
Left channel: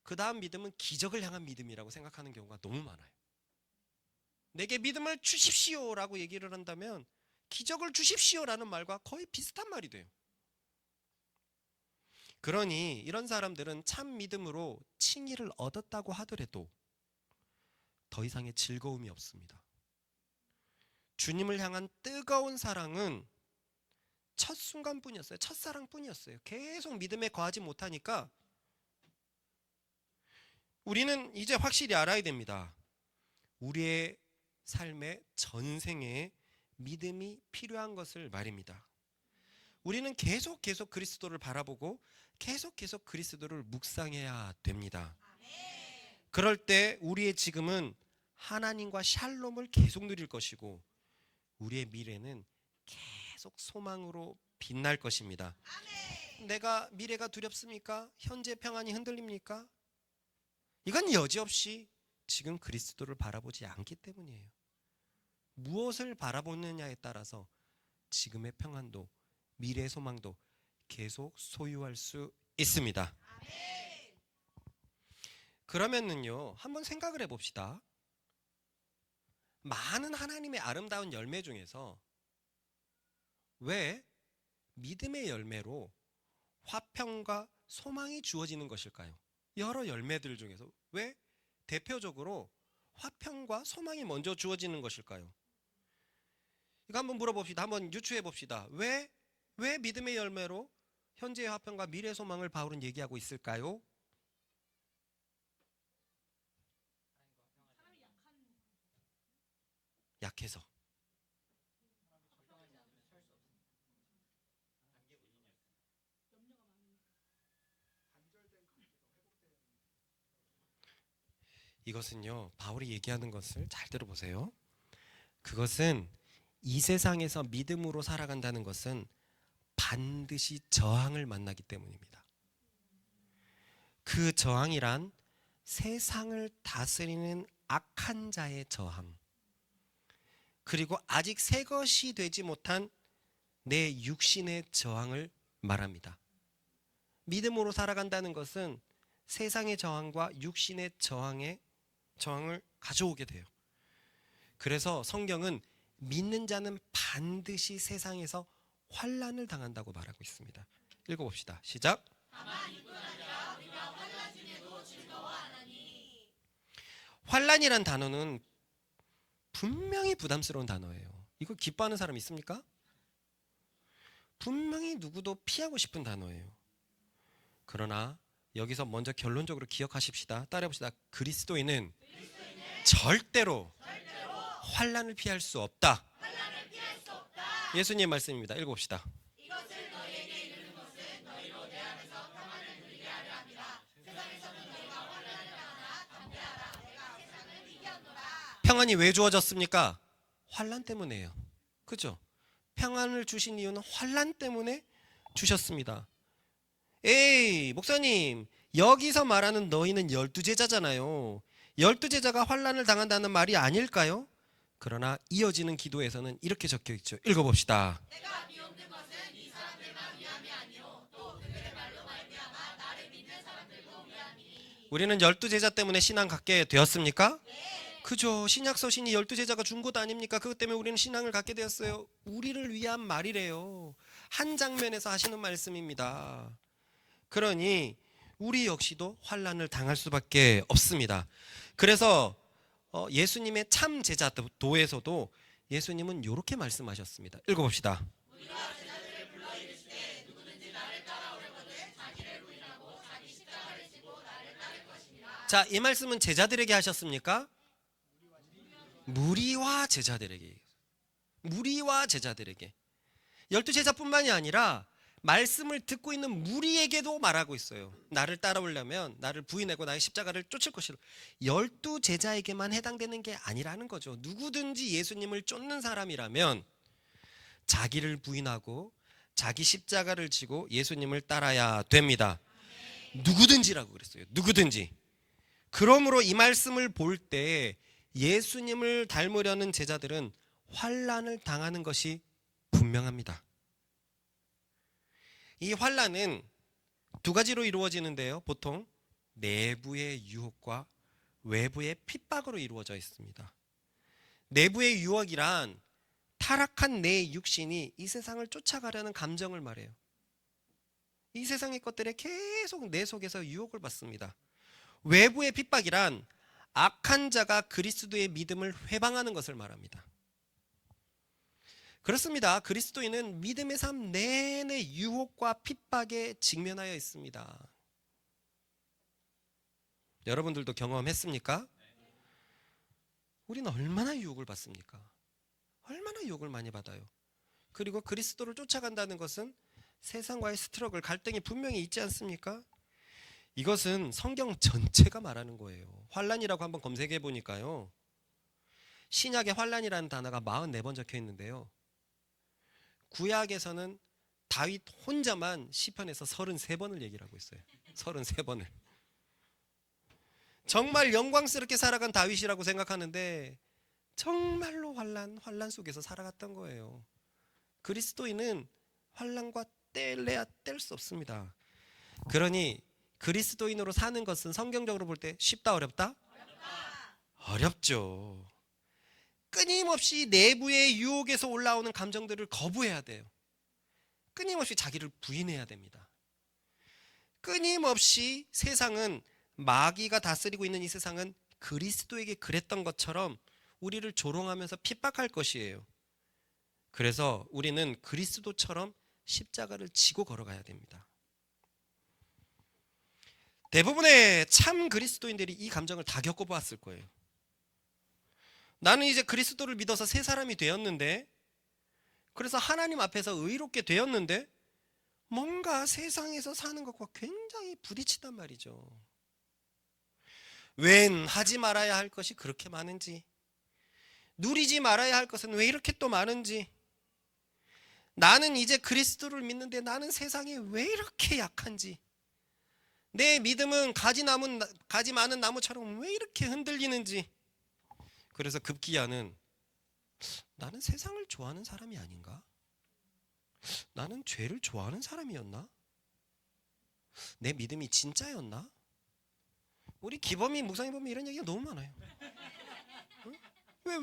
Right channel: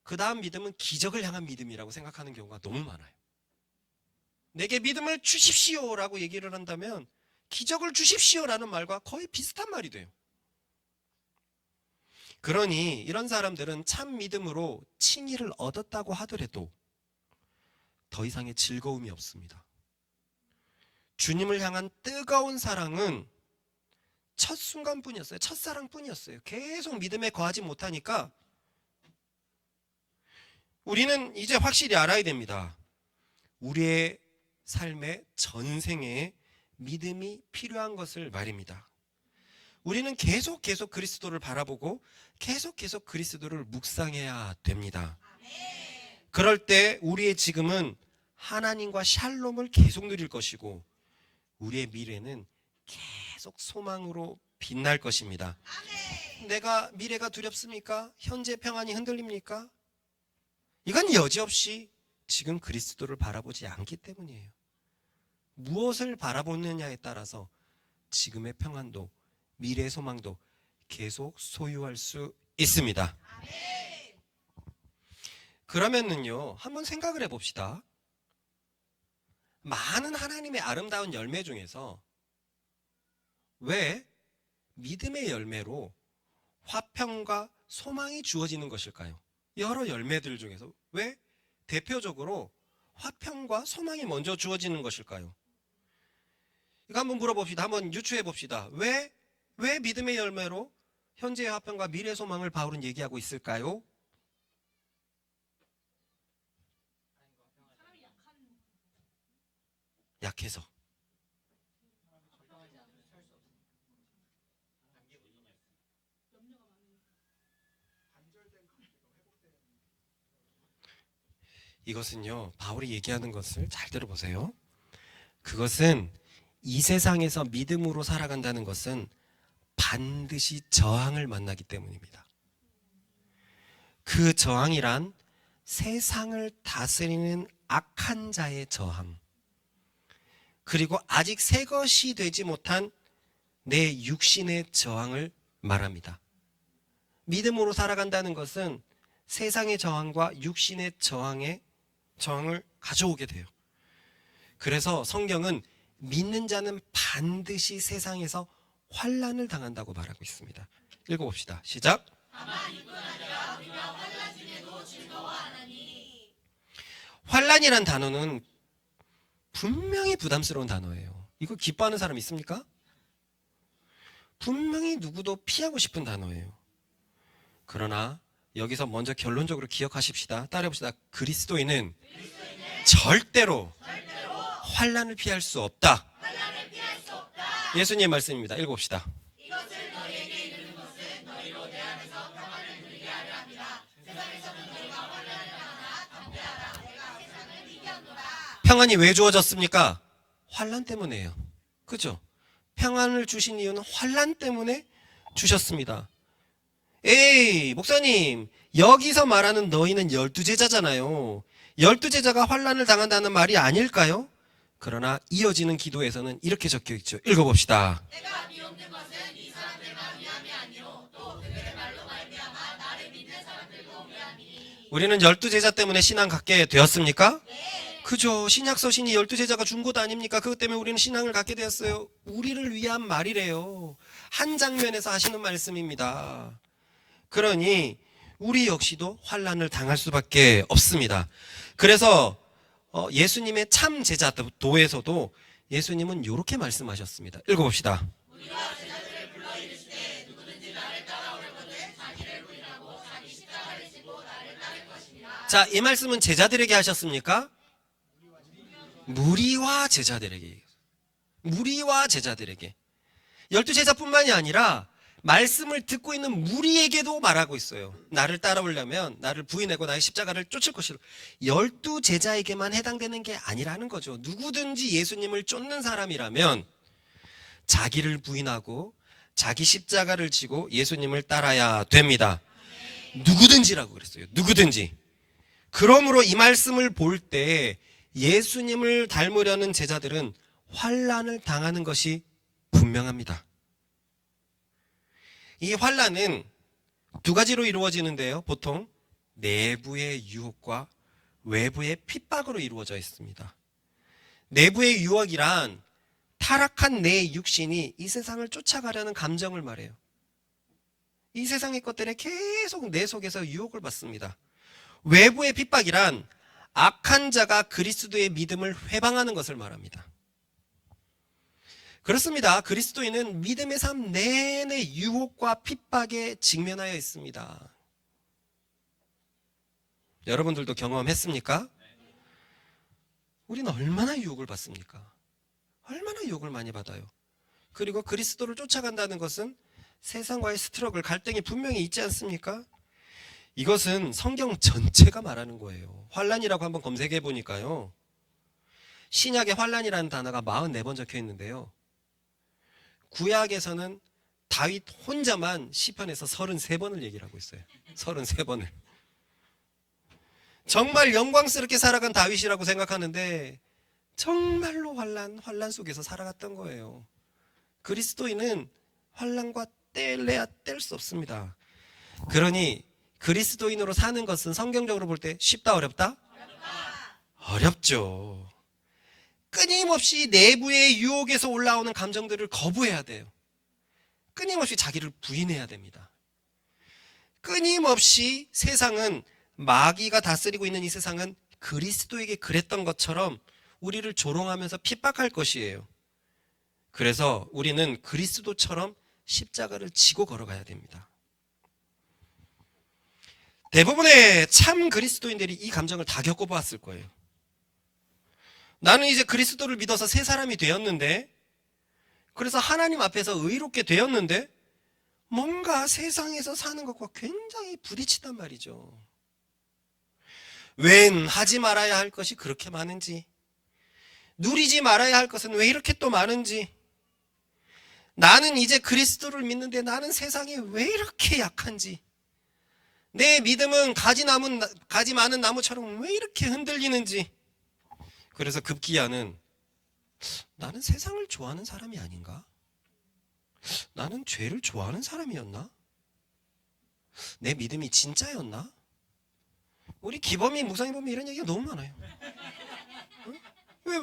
그 다음 믿음은 기적을 향한 믿음이라고 생각하는 경우가 너무 많아요. 내게 믿음을 주십시오라고 얘기를 한다면 기적을 주십시오라는 말과 거의 비슷한 말이 돼요. 그러니 이런 사람들은 참 믿음으로 칭의를 얻었다고 하더라도 더 이상의 즐거움이 없습니다. 주님을 향한 뜨거운 사랑은 첫 순간뿐이었어요. 첫사랑뿐이었어요. 계속 믿음에 거하지 못하니까 우리는 이제 확실히 알아야 됩니다. 우리의 삶의 전생에 믿음이 필요한 것을 말입니다. 우리는 계속 그리스도를 바라보고 계속 그리스도를 묵상해야 됩니다. 그럴 때 우리의 지금은 하나님과 샬롬을 계속 누릴 것이고, 우리의 미래는 계속 소망으로 빛날 것입니다. 내가 미래가 두렵습니까? 현재 평안이 흔들립니까? 이건 여지없이 지금 그리스도를 바라보지 않기 때문이에요. 무엇을 바라보느냐에 따라서 지금의 평안도 미래의 소망도 계속 소유할 수 있습니다. 그러면은요, 한번 생각을 해봅시다. 많은 하나님의 아름다운 열매 중에서 왜 믿음의 열매로 화평과 소망이 주어지는 것일까요? 여러 열매들 중에서 왜 대표적으로 화평과 소망이 먼저 주어지는 것일까요? 이거 한번 물어봅시다. 한번 유추해 봅시다. 왜 믿음의 열매로 현재의 화평과 미래의 소망을 바울은 얘기하고 있을까요? 약해서. 이것은요, 바울이 얘기하는 것을 잘 들어보세요. 그것은 이 세상에서 믿음으로 살아간다는 것은 반드시 저항을 만나기 때문입니다. 그 저항이란 세상을 다스리는 악한 자의 저항, 그리고 아직 새 것이 되지 못한 내 육신의 저항을 말합니다. 믿음으로 살아간다는 것은 세상의 저항과 육신의 저항을 가져오게 돼요. 그래서 성경은 믿는 자는 반드시 세상에서 환난을 당한다고 말하고 있습니다. 읽어봅시다. 시작. 환난이란 단어는 분명히 부담스러운 단어예요. 이거 기뻐하는 사람 있습니까? 분명히 누구도 피하고 싶은 단어예요. 그러나 여기서 먼저 결론적으로 기억하십시다. 따라해봅시다. 그리스도인은 절대로 환난을 피할 수 없다. 예수님의 말씀입니다. 읽어봅시다. 평안이 왜 주어졌습니까? 환난 때문에요. 그죠? 평안을 주신 이유는 환난 때문에 주셨습니다. 에이, 목사님, 여기서 말하는 너희는 12제자잖아요. 12제자가 환난을 당한다는 말이 아닐까요? 그러나 이어지는 기도에서는 이렇게 적혀 있죠. 읽어봅시다. 내가 미혹된 것은 이 사람들만 위함이 아니요 또 그들의 말로 말미암아 나를 믿는 사람들도 위함이니. 우리는 12제자 때문에 신앙 갖게 되었습니까? 네. 그죠. 신약 서신이 12제자가 준 것 아닙니까? 그것 때문에 우리는 신앙을 갖게 되었어요. 우리를 위한 말이래요. 한 장면에서 하시는 말씀입니다. 그러니 우리 역시도 환난을 당할 수밖에 없습니다. 그래서 예수님의 참 제자도에서도 예수님은 이렇게 말씀하셨습니다. 읽어봅시다. 우리가 제자들을 불러 이르시되 누구든지 나를 따라오려거든 자기를 부인하고 자기 십자가를 지고 나를 따를 것입니다. 자, 이 말씀은 제자들에게 하셨습니까? 무리와 제자들에게. 무리와 제자들에게. 12제자뿐만이 아니라 말씀을 듣고 있는 무리에게도 말하고 있어요. 나를 따라오려면 나를 부인하고 나의 십자가를 쫓을 것이라. 12제자에게만 해당되는 게 아니라는 거죠. 누구든지 예수님을 쫓는 사람이라면 자기를 부인하고 자기 십자가를 지고 예수님을 따라야 됩니다. 누구든지라고 그랬어요. 누구든지. 그러므로 이 말씀을 볼 때 예수님을 닮으려는 제자들은 환난을 당하는 것이 분명합니다. 이 환난은 두 가지로 이루어지는데요. 보통 내부의 유혹과 외부의 핍박으로 이루어져 있습니다. 내부의 유혹이란 타락한 내 육신이 이 세상을 쫓아가려는 감정을 말해요. 이 세상의 것들에 계속 내 속에서 유혹을 받습니다. 외부의 핍박이란 악한 자가 그리스도의 믿음을 회방하는 것을 말합니다. 그렇습니다. 그리스도인은 믿음의 삶 내내 유혹과 핍박에 직면하여 있습니다. 여러분들도 경험했습니까? 우리는 얼마나 유혹을 받습니까? 얼마나 유혹을 많이 받아요. 그리고 그리스도를 쫓아간다는 것은 세상과의 스트러글, 갈등이 분명히 있지 않습니까? 이것은 성경 전체가 말하는 거예요. 환난이라고 한번 검색해 보니까요. 신약에 환난이라는 단어가 44번 적혀 있는데요. 구약에서는 다윗 혼자만 시편에서 33번을 얘기를 하고 있어요. 33번을. 정말 영광스럽게 살아간 다윗이라고 생각하는데 정말로 환난 속에서 살아갔던 거예요. 그리스도인은 환난과 뗄래야 뗄 수 없습니다. 그러니 그리스도인으로 사는 것은 성경적으로 볼 때 쉽다 어렵다? 어렵죠. 끊임없이 내부의 유혹에서 올라오는 감정들을 거부해야 돼요. 끊임없이 자기를 부인해야 됩니다. 끊임없이 세상은 마귀가 다스리고 있는 이 세상은 그리스도에게 그랬던 것처럼 우리를 조롱하면서 핍박할 것이에요. 그래서 우리는 그리스도처럼 십자가를 지고 걸어가야 됩니다. 대부분의 참 그리스도인들이 이 감정을 다 겪어봤을 거예요. 나는 이제 그리스도를 믿어서 새 사람이 되었는데, 그래서 하나님 앞에서 의롭게 되었는데 뭔가 세상에서 사는 것과 굉장히 부딪히단 말이죠. 웬 하지 말아야 할 것이 그렇게 많은지, 누리지 말아야 할 것은 왜 이렇게 또 많은지, 나는 이제 그리스도를 믿는데 나는 세상에 왜 이렇게 약한지, 내 믿음은 가지 많은 나무처럼 왜 이렇게 흔들리는지. 그래서 급기야는 나는 세상을 좋아하는 사람이 아닌가? 나는 죄를 좋아하는 사람이었나? 내 믿음이 진짜였나? 우리 기범이 무상이 보면 이런 얘기가 너무 많아요. 응?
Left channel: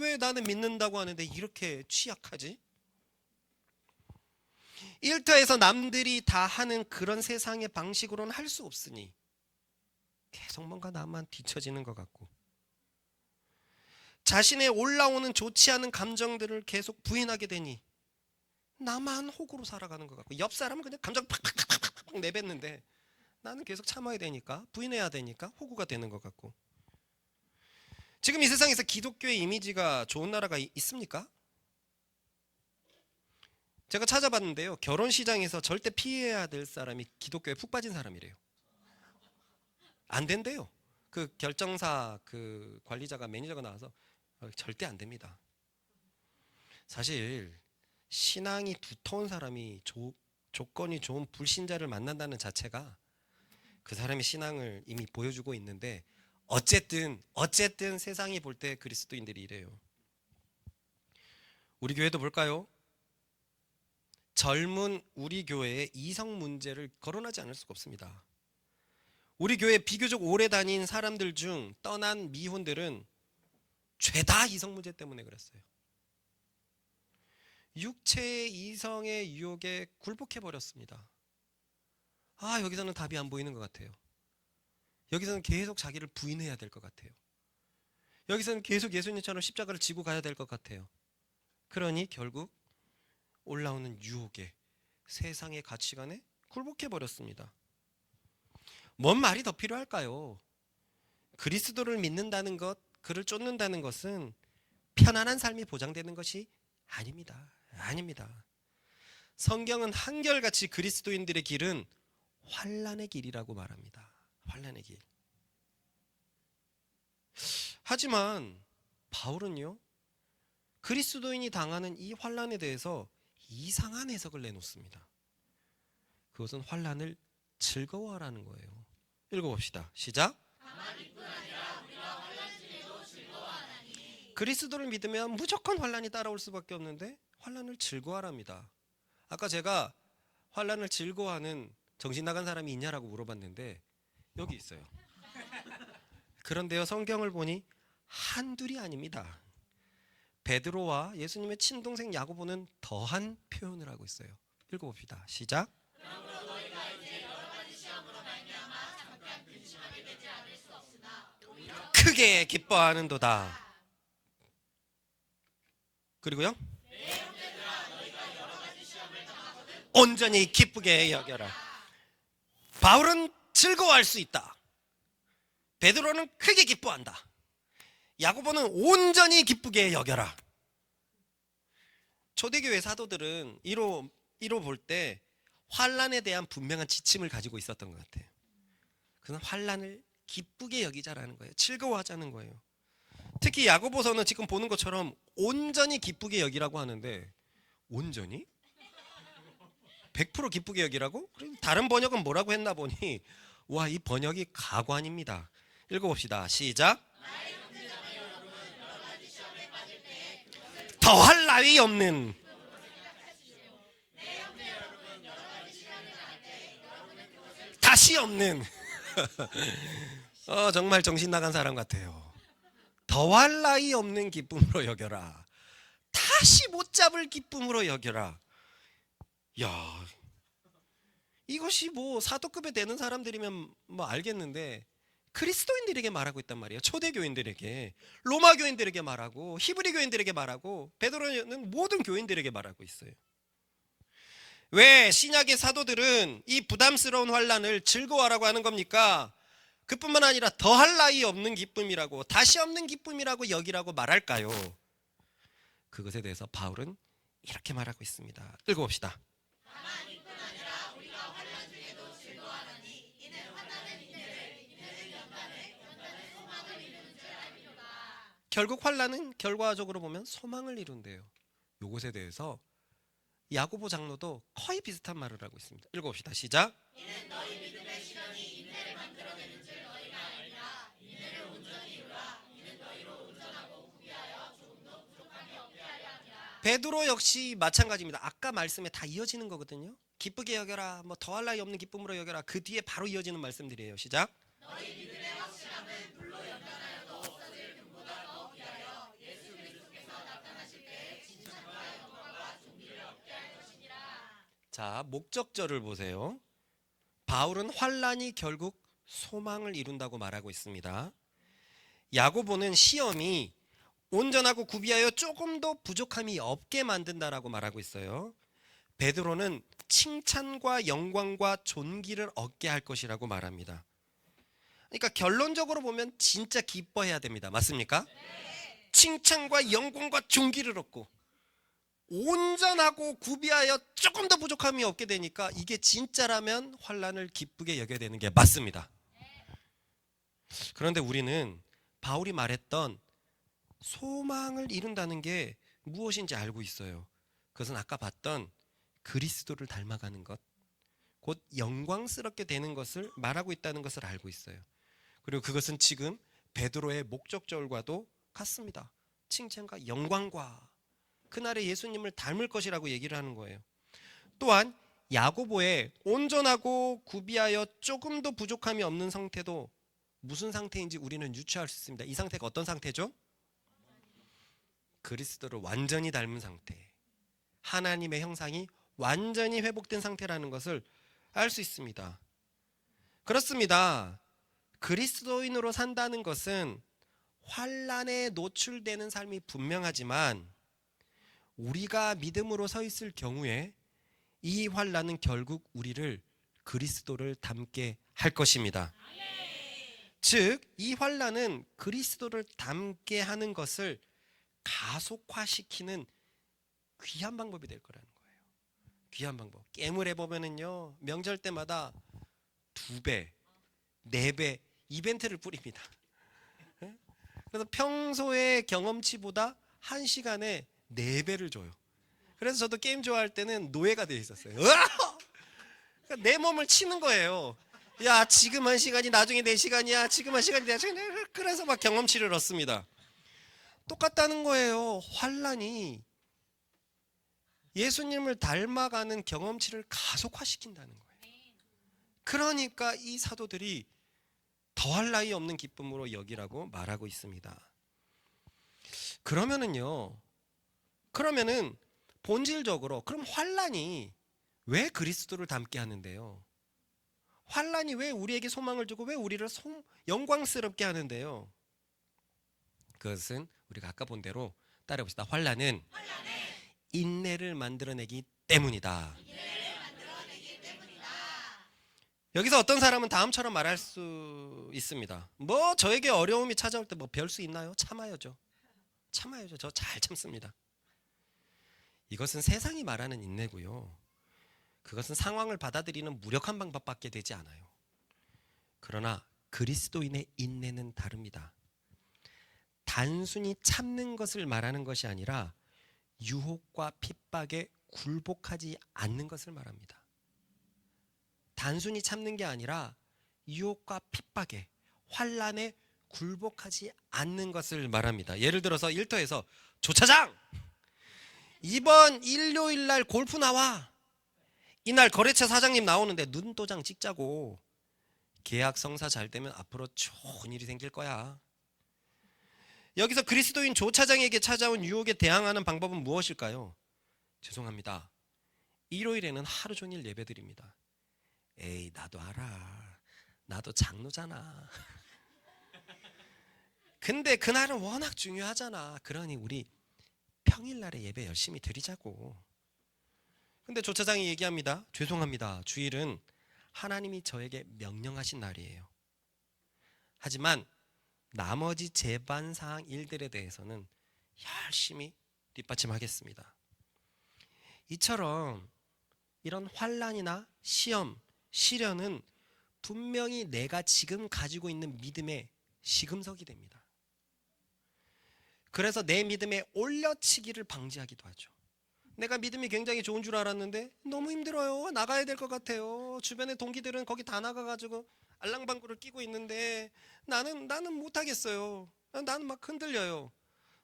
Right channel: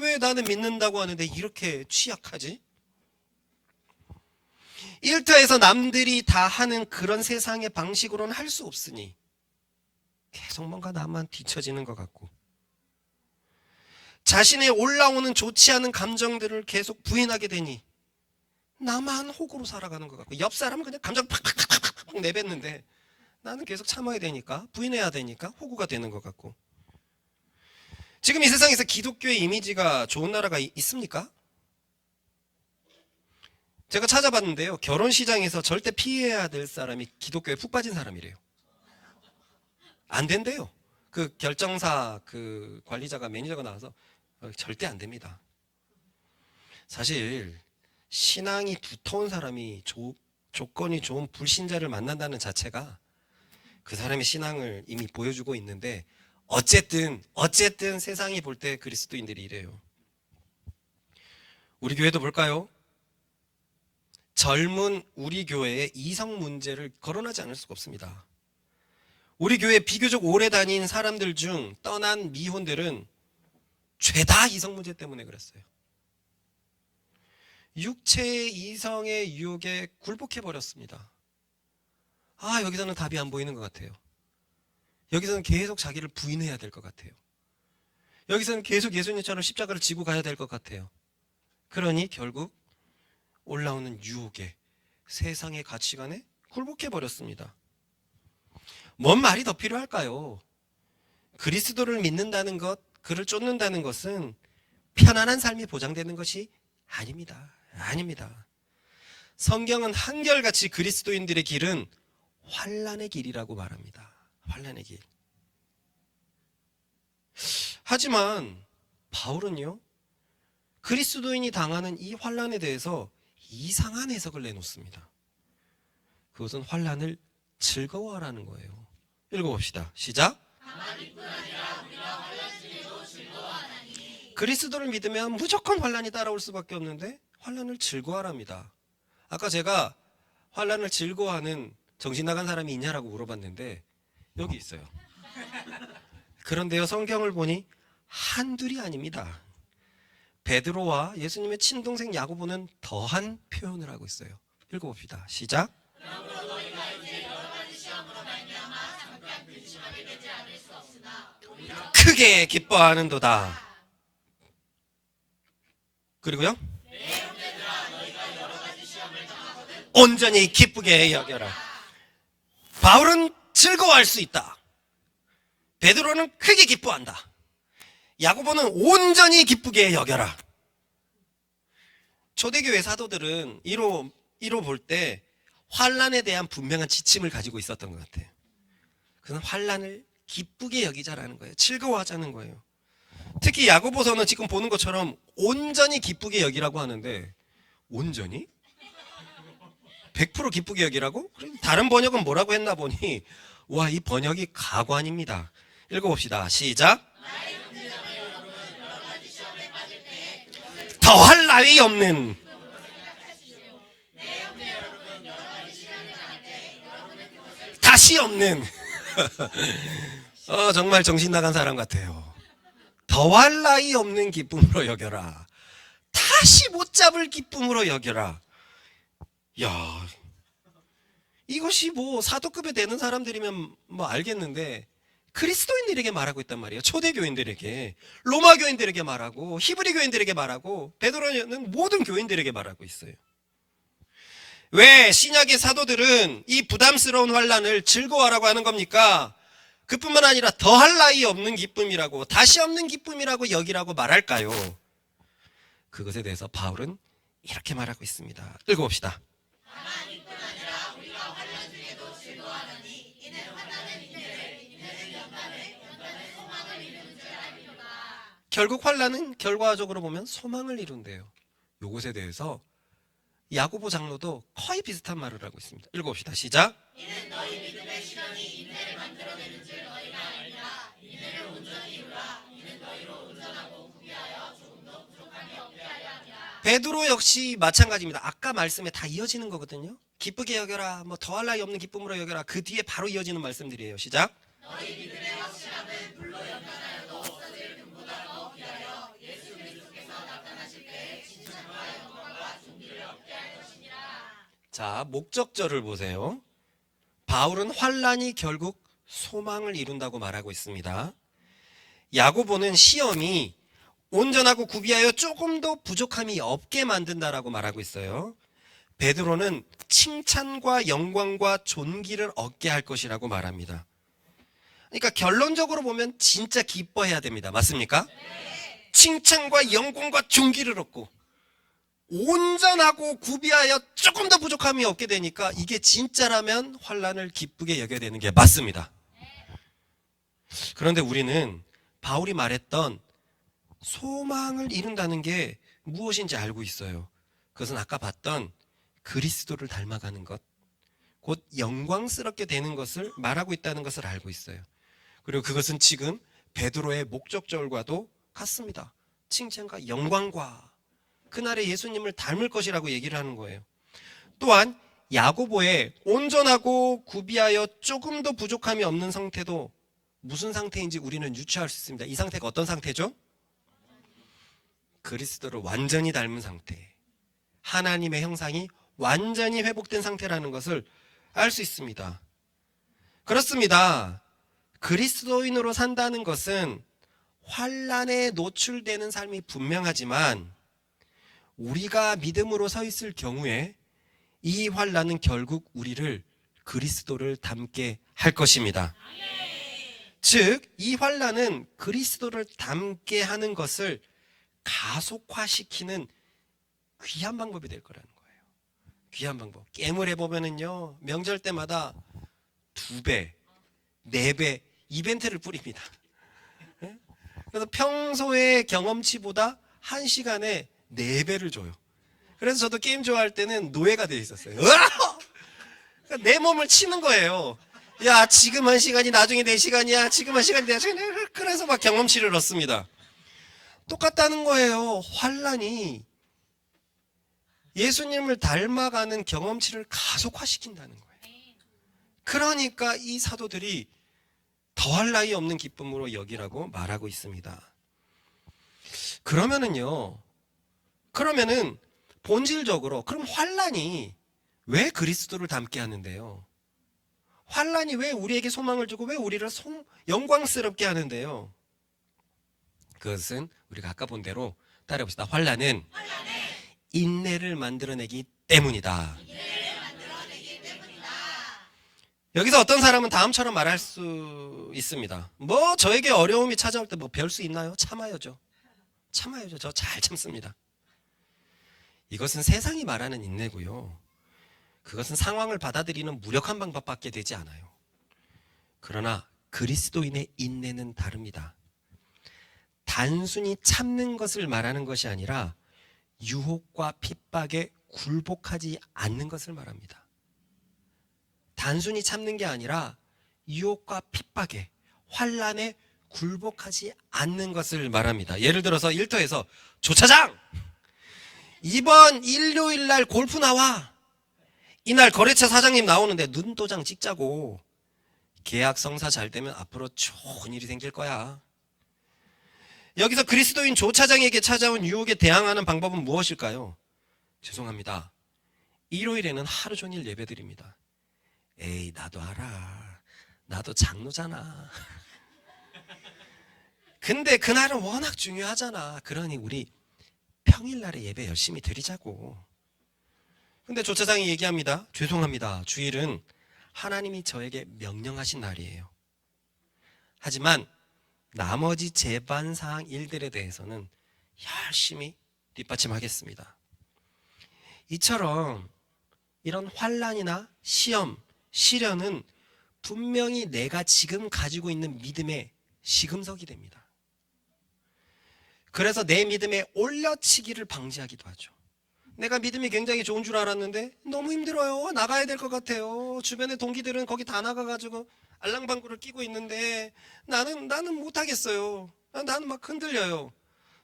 왜 나는 믿는다고 하는데 이렇게 취약하지? 일터에서 남들이 다 하는 그런 세상의 방식으로는 할 수 없으니 계속 뭔가 나만 뒤처지는 것 같고, 자신의 올라오는 좋지 않은 감정들을 계속 부인하게 되니 나만 호구로 살아가는 것 같고, 옆 사람은 그냥 감정 팍팍팍팍 내뱉는데 나는 계속 참아야 되니까, 부인해야 되니까 호구가 되는 것 같고. 지금 이 세상에서 기독교의 이미지가 좋은 나라가 있습니까? 제가 찾아봤는데요, 결혼 시장에서 절대 피해야 될 사람이 기독교에 푹 빠진 사람이래요. 안 된대요. 그 결정사 그 관리자가, 매니저가 나와서 절대 안 됩니다. 사실 신앙이 두터운 사람이 조건이 좋은 불신자를 만난다는 자체가 그 사람의 신앙을 이미 보여주고 있는데, 어쨌든 세상이 볼 때 그리스도인들이 이래요. 우리 교회도 볼까요? 젊은 우리 교회의 이성 문제를 거론하지 않을 수가 없습니다. 우리 교회 비교적 오래 다닌 사람들 중 떠난 미혼들은 죄다 이성 문제 때문에 그랬어요. 육체의 이성의 유혹에 굴복해 버렸습니다. 여기서는 답이 안 보이는 것 같아요. 여기서는 계속 자기를 부인해야 될 것 같아요. 여기서는 계속 예수님처럼 십자가를 지고 가야 될 것 같아요. 그러니 결국 올라오는 유혹에, 세상의 가치관에 굴복해 버렸습니다. 뭔 말이 더 필요할까요? 그리스도를 믿는다는 것, 그를 쫓는다는 것은 편안한 삶이 보장되는 것이 아닙니다. 아닙니다. 성경은 한결같이 그리스도인들의 길은 환난의 길이라고 말합니다. 환난의 길. 하지만 바울은요, 그리스도인이 당하는 이 환난에 대해서 이상한 해석을 내놓습니다. 그것은 환난을 즐거워하라는 거예요. 읽어봅시다. 시작. 그리스도를 믿으면 무조건 환난이 따라올 수밖에 없는데 환난을 즐거워하랍니다. 아까 제가 환난을 즐거워하는 정신 나간 사람이 있냐라고 물어봤는데 여기 있어요. 그런데요, 성경을 보니 한둘이 아닙니다. 베드로와 예수님의 친동생 야고보는 더한 표현을 하고 있어요. 읽어봅시다. 시작. 크게 기뻐하는도다. 그리고요, 온전히 기쁘게 여겨라. 바울은 즐거워할 수 있다. 베드로는 크게 기뻐한다. 야고보는 온전히 기쁘게 여겨라. 초대교회 사도들은 이로 볼 때 환란에 대한 분명한 지침을 가지고 있었던 것 같아요. 그는 환란을 기쁘게 여기자라는 거예요. 즐거워하자는 거예요. 특히 야고보서는 지금 보는 것처럼 온전히 기쁘게 여기라고 하는데, 온전히? 100% 기쁘게 여기라고? 다른 번역은 뭐라고 했나 보니, 와, 이 번역이 가관입니다. 읽어봅시다. 시작. 더할 나위 없는. 다시 없는. 정말 정신 나간 사람 같아요. 더할 나위 없는 기쁨으로 여겨라. 다시 못 잡을 기쁨으로 여겨라. 야, 이것이 뭐 사도급에 되는 사람들이면 뭐 알겠는데, 그리스도인들에게 말하고 있단 말이에요. 초대교인들에게, 로마 교인들에게 말하고, 히브리 교인들에게 말하고, 베드로는 모든 교인들에게 말하고 있어요. 왜 신약의 사도들은 이 부담스러운 환란을 즐거워하라고 하는 겁니까? 그뿐만 아니라 더할 나위 없는 기쁨이라고, 다시 없는 기쁨이라고 여기라고 말할까요? 그것에 대해서 바울은 이렇게 말하고 있습니다. 읽어봅시다. 결국 환란은 결과적으로 보면 소망을 이룬대요. 이것에 대해서 야고보 장로도 거의 비슷한 말을 하고 있습니다. 읽어봅시다. 시작. 이는 너희 믿음의 시련이 인내를 만들어내는 줄 너희가 알라. 인내를 온전히 이루라. 이는 너희로 온전하고 구비하여 조금도 부족함이 없게 하려 베드로 역시 마찬가지입니다. 아까 말씀에 다 이어지는 거거든요. 기쁘게 여겨라, 뭐 더할 나위 없는 기쁨으로 여겨라. 그 뒤에 바로 이어지는 말씀들이에요. 시작. 자, 목적절을 보세요. 바울은 환란이 결국 소망을 이룬다고 말하고 있습니다. 야고보는 시험이 온전하고 구비하여 조금 더 부족함이 없게 만든다라고 말하고 있어요. 베드로는 칭찬과 영광과 존귀를 얻게 할 것이라고 말합니다. 그러니까 결론적으로 보면 진짜 기뻐해야 됩니다. 맞습니까? 칭찬과 영광과 존귀를 얻고 온전하고 구비하여 조금 더 부족함이 없게 되니까 이게 진짜라면 환란을 기쁘게 여겨야 되는 게 맞습니다. 그런데 우리는 바울이 말했던 소망을 이룬다는 게 무엇인지 알고 있어요. 그것은 아까 봤던 그리스도를 닮아가는 것, 곧 영광스럽게 되는 것을 말하고 있다는 것을 알고 있어요. 그리고 그것은 지금 베드로의 목적절과도 같습니다. 칭찬과 영광과 그날의 예수님을 닮을 것이라고 얘기를 하는 거예요. 또한 야고보의 온전하고 구비하여 조금 더 부족함이 없는 상태도 무슨 상태인지 우리는 유추할 수 있습니다. 이 상태가 어떤 상태죠? 그리스도를 완전히 닮은 상태, 하나님의 형상이 완전히 회복된 상태라는 것을 알 수 있습니다. 그렇습니다. 그리스도인으로 산다는 것은 환란에 노출되는 삶이 분명하지만 우리가 믿음으로 서 있을 경우에 이 환란은 결국 우리를 그리스도를 닮게 할 것입니다. 즉, 이 환란은 그리스도를 닮게 하는 것을 가속화시키는 귀한 방법이 될 거라는 거예요. 귀한 방법. 게임을 해보면은요, 명절 때마다 2배, 4배 이벤트를 뿌립니다. 그래서 평소의 경험치보다 1시간에 4배를 줘요. 그래서 저도 게임 좋아할 때는 노예가 되어 있었어요. 그러니까 내 몸을 치는 거예요. 야, 지금 1시간이 나중에 4시간이야. 지금 1시간이 4시간이야. 그래서 막 경험치를 얻습니다. 똑같다는 거예요. 환란이 예수님을 닮아가는 경험치를 가속화시킨다는 거예요. 그러니까 이 사도들이 더할 나위 없는 기쁨으로 여기라고 말하고 있습니다. 그러면은 본질적으로 그럼 환란이 왜 그리스도를 닮게 하는데요? 환란이 왜 우리에게 소망을 주고 왜 우리를 영광스럽게 하는데요? 그것은 우리가 아까 본 대로 따라해봅시다. 환란은 인내를 만들어내기 때문이다. 여기서 어떤 사람은 다음처럼 말할 수 있습니다. 뭐 저에게 어려움이 찾아올 때 뭐 별 수 있나요? 참아야죠. 저 잘 참습니다. 이것은 세상이 말하는 인내고요. 그것은 상황을 받아들이는 무력한 방법밖에 되지 않아요. 그러나 그리스도인의 인내는 다릅니다. 단순히 참는 것을 말하는 것이 아니라 유혹과 핍박에 굴복하지 않는 것을 말합니다. 단순히 참는 게 아니라 유혹과 핍박에, 환란에 굴복하지 않는 것을 말합니다. 예를 들어서 일터에서 조차장! 이번 일요일 날 골프 나와. 이날 거래처 사장님 나오는데 눈도장 찍자고. 계약 성사 잘 되면 앞으로 좋은 일이 생길 거야. 여기서 그리스도인 조차장에게 찾아온 유혹에 대항하는 방법은 무엇일까요? 죄송합니다. 일요일에는 하루 종일 예배드립니다. 에이, 나도 알아. 나도 장로잖아. 근데 그날은 워낙 중요하잖아. 그러니 우리 평일날에 예배 열심히 드리자고. 근데 조차장이 얘기합니다. 죄송합니다. 주일은 하나님이 저에게 명령하신 날이에요. 하지만 나머지 제반사항 일들에 대해서는 열심히 뒷받침하겠습니다. 이처럼 이런 환란이나 시험, 시련은 분명히 내가 지금 가지고 있는 믿음의 시금석이 됩니다. 그래서 내 믿음에 올려치기를 방지하기도 하죠. 내가 믿음이 굉장히 좋은 줄 알았는데 너무 힘들어요. 나가야 될 것 같아요. 주변의 동기들은 거기 다 나가가지고 알랑방구를 끼고 있는데 나는 못하겠어요. 나는 막 흔들려요.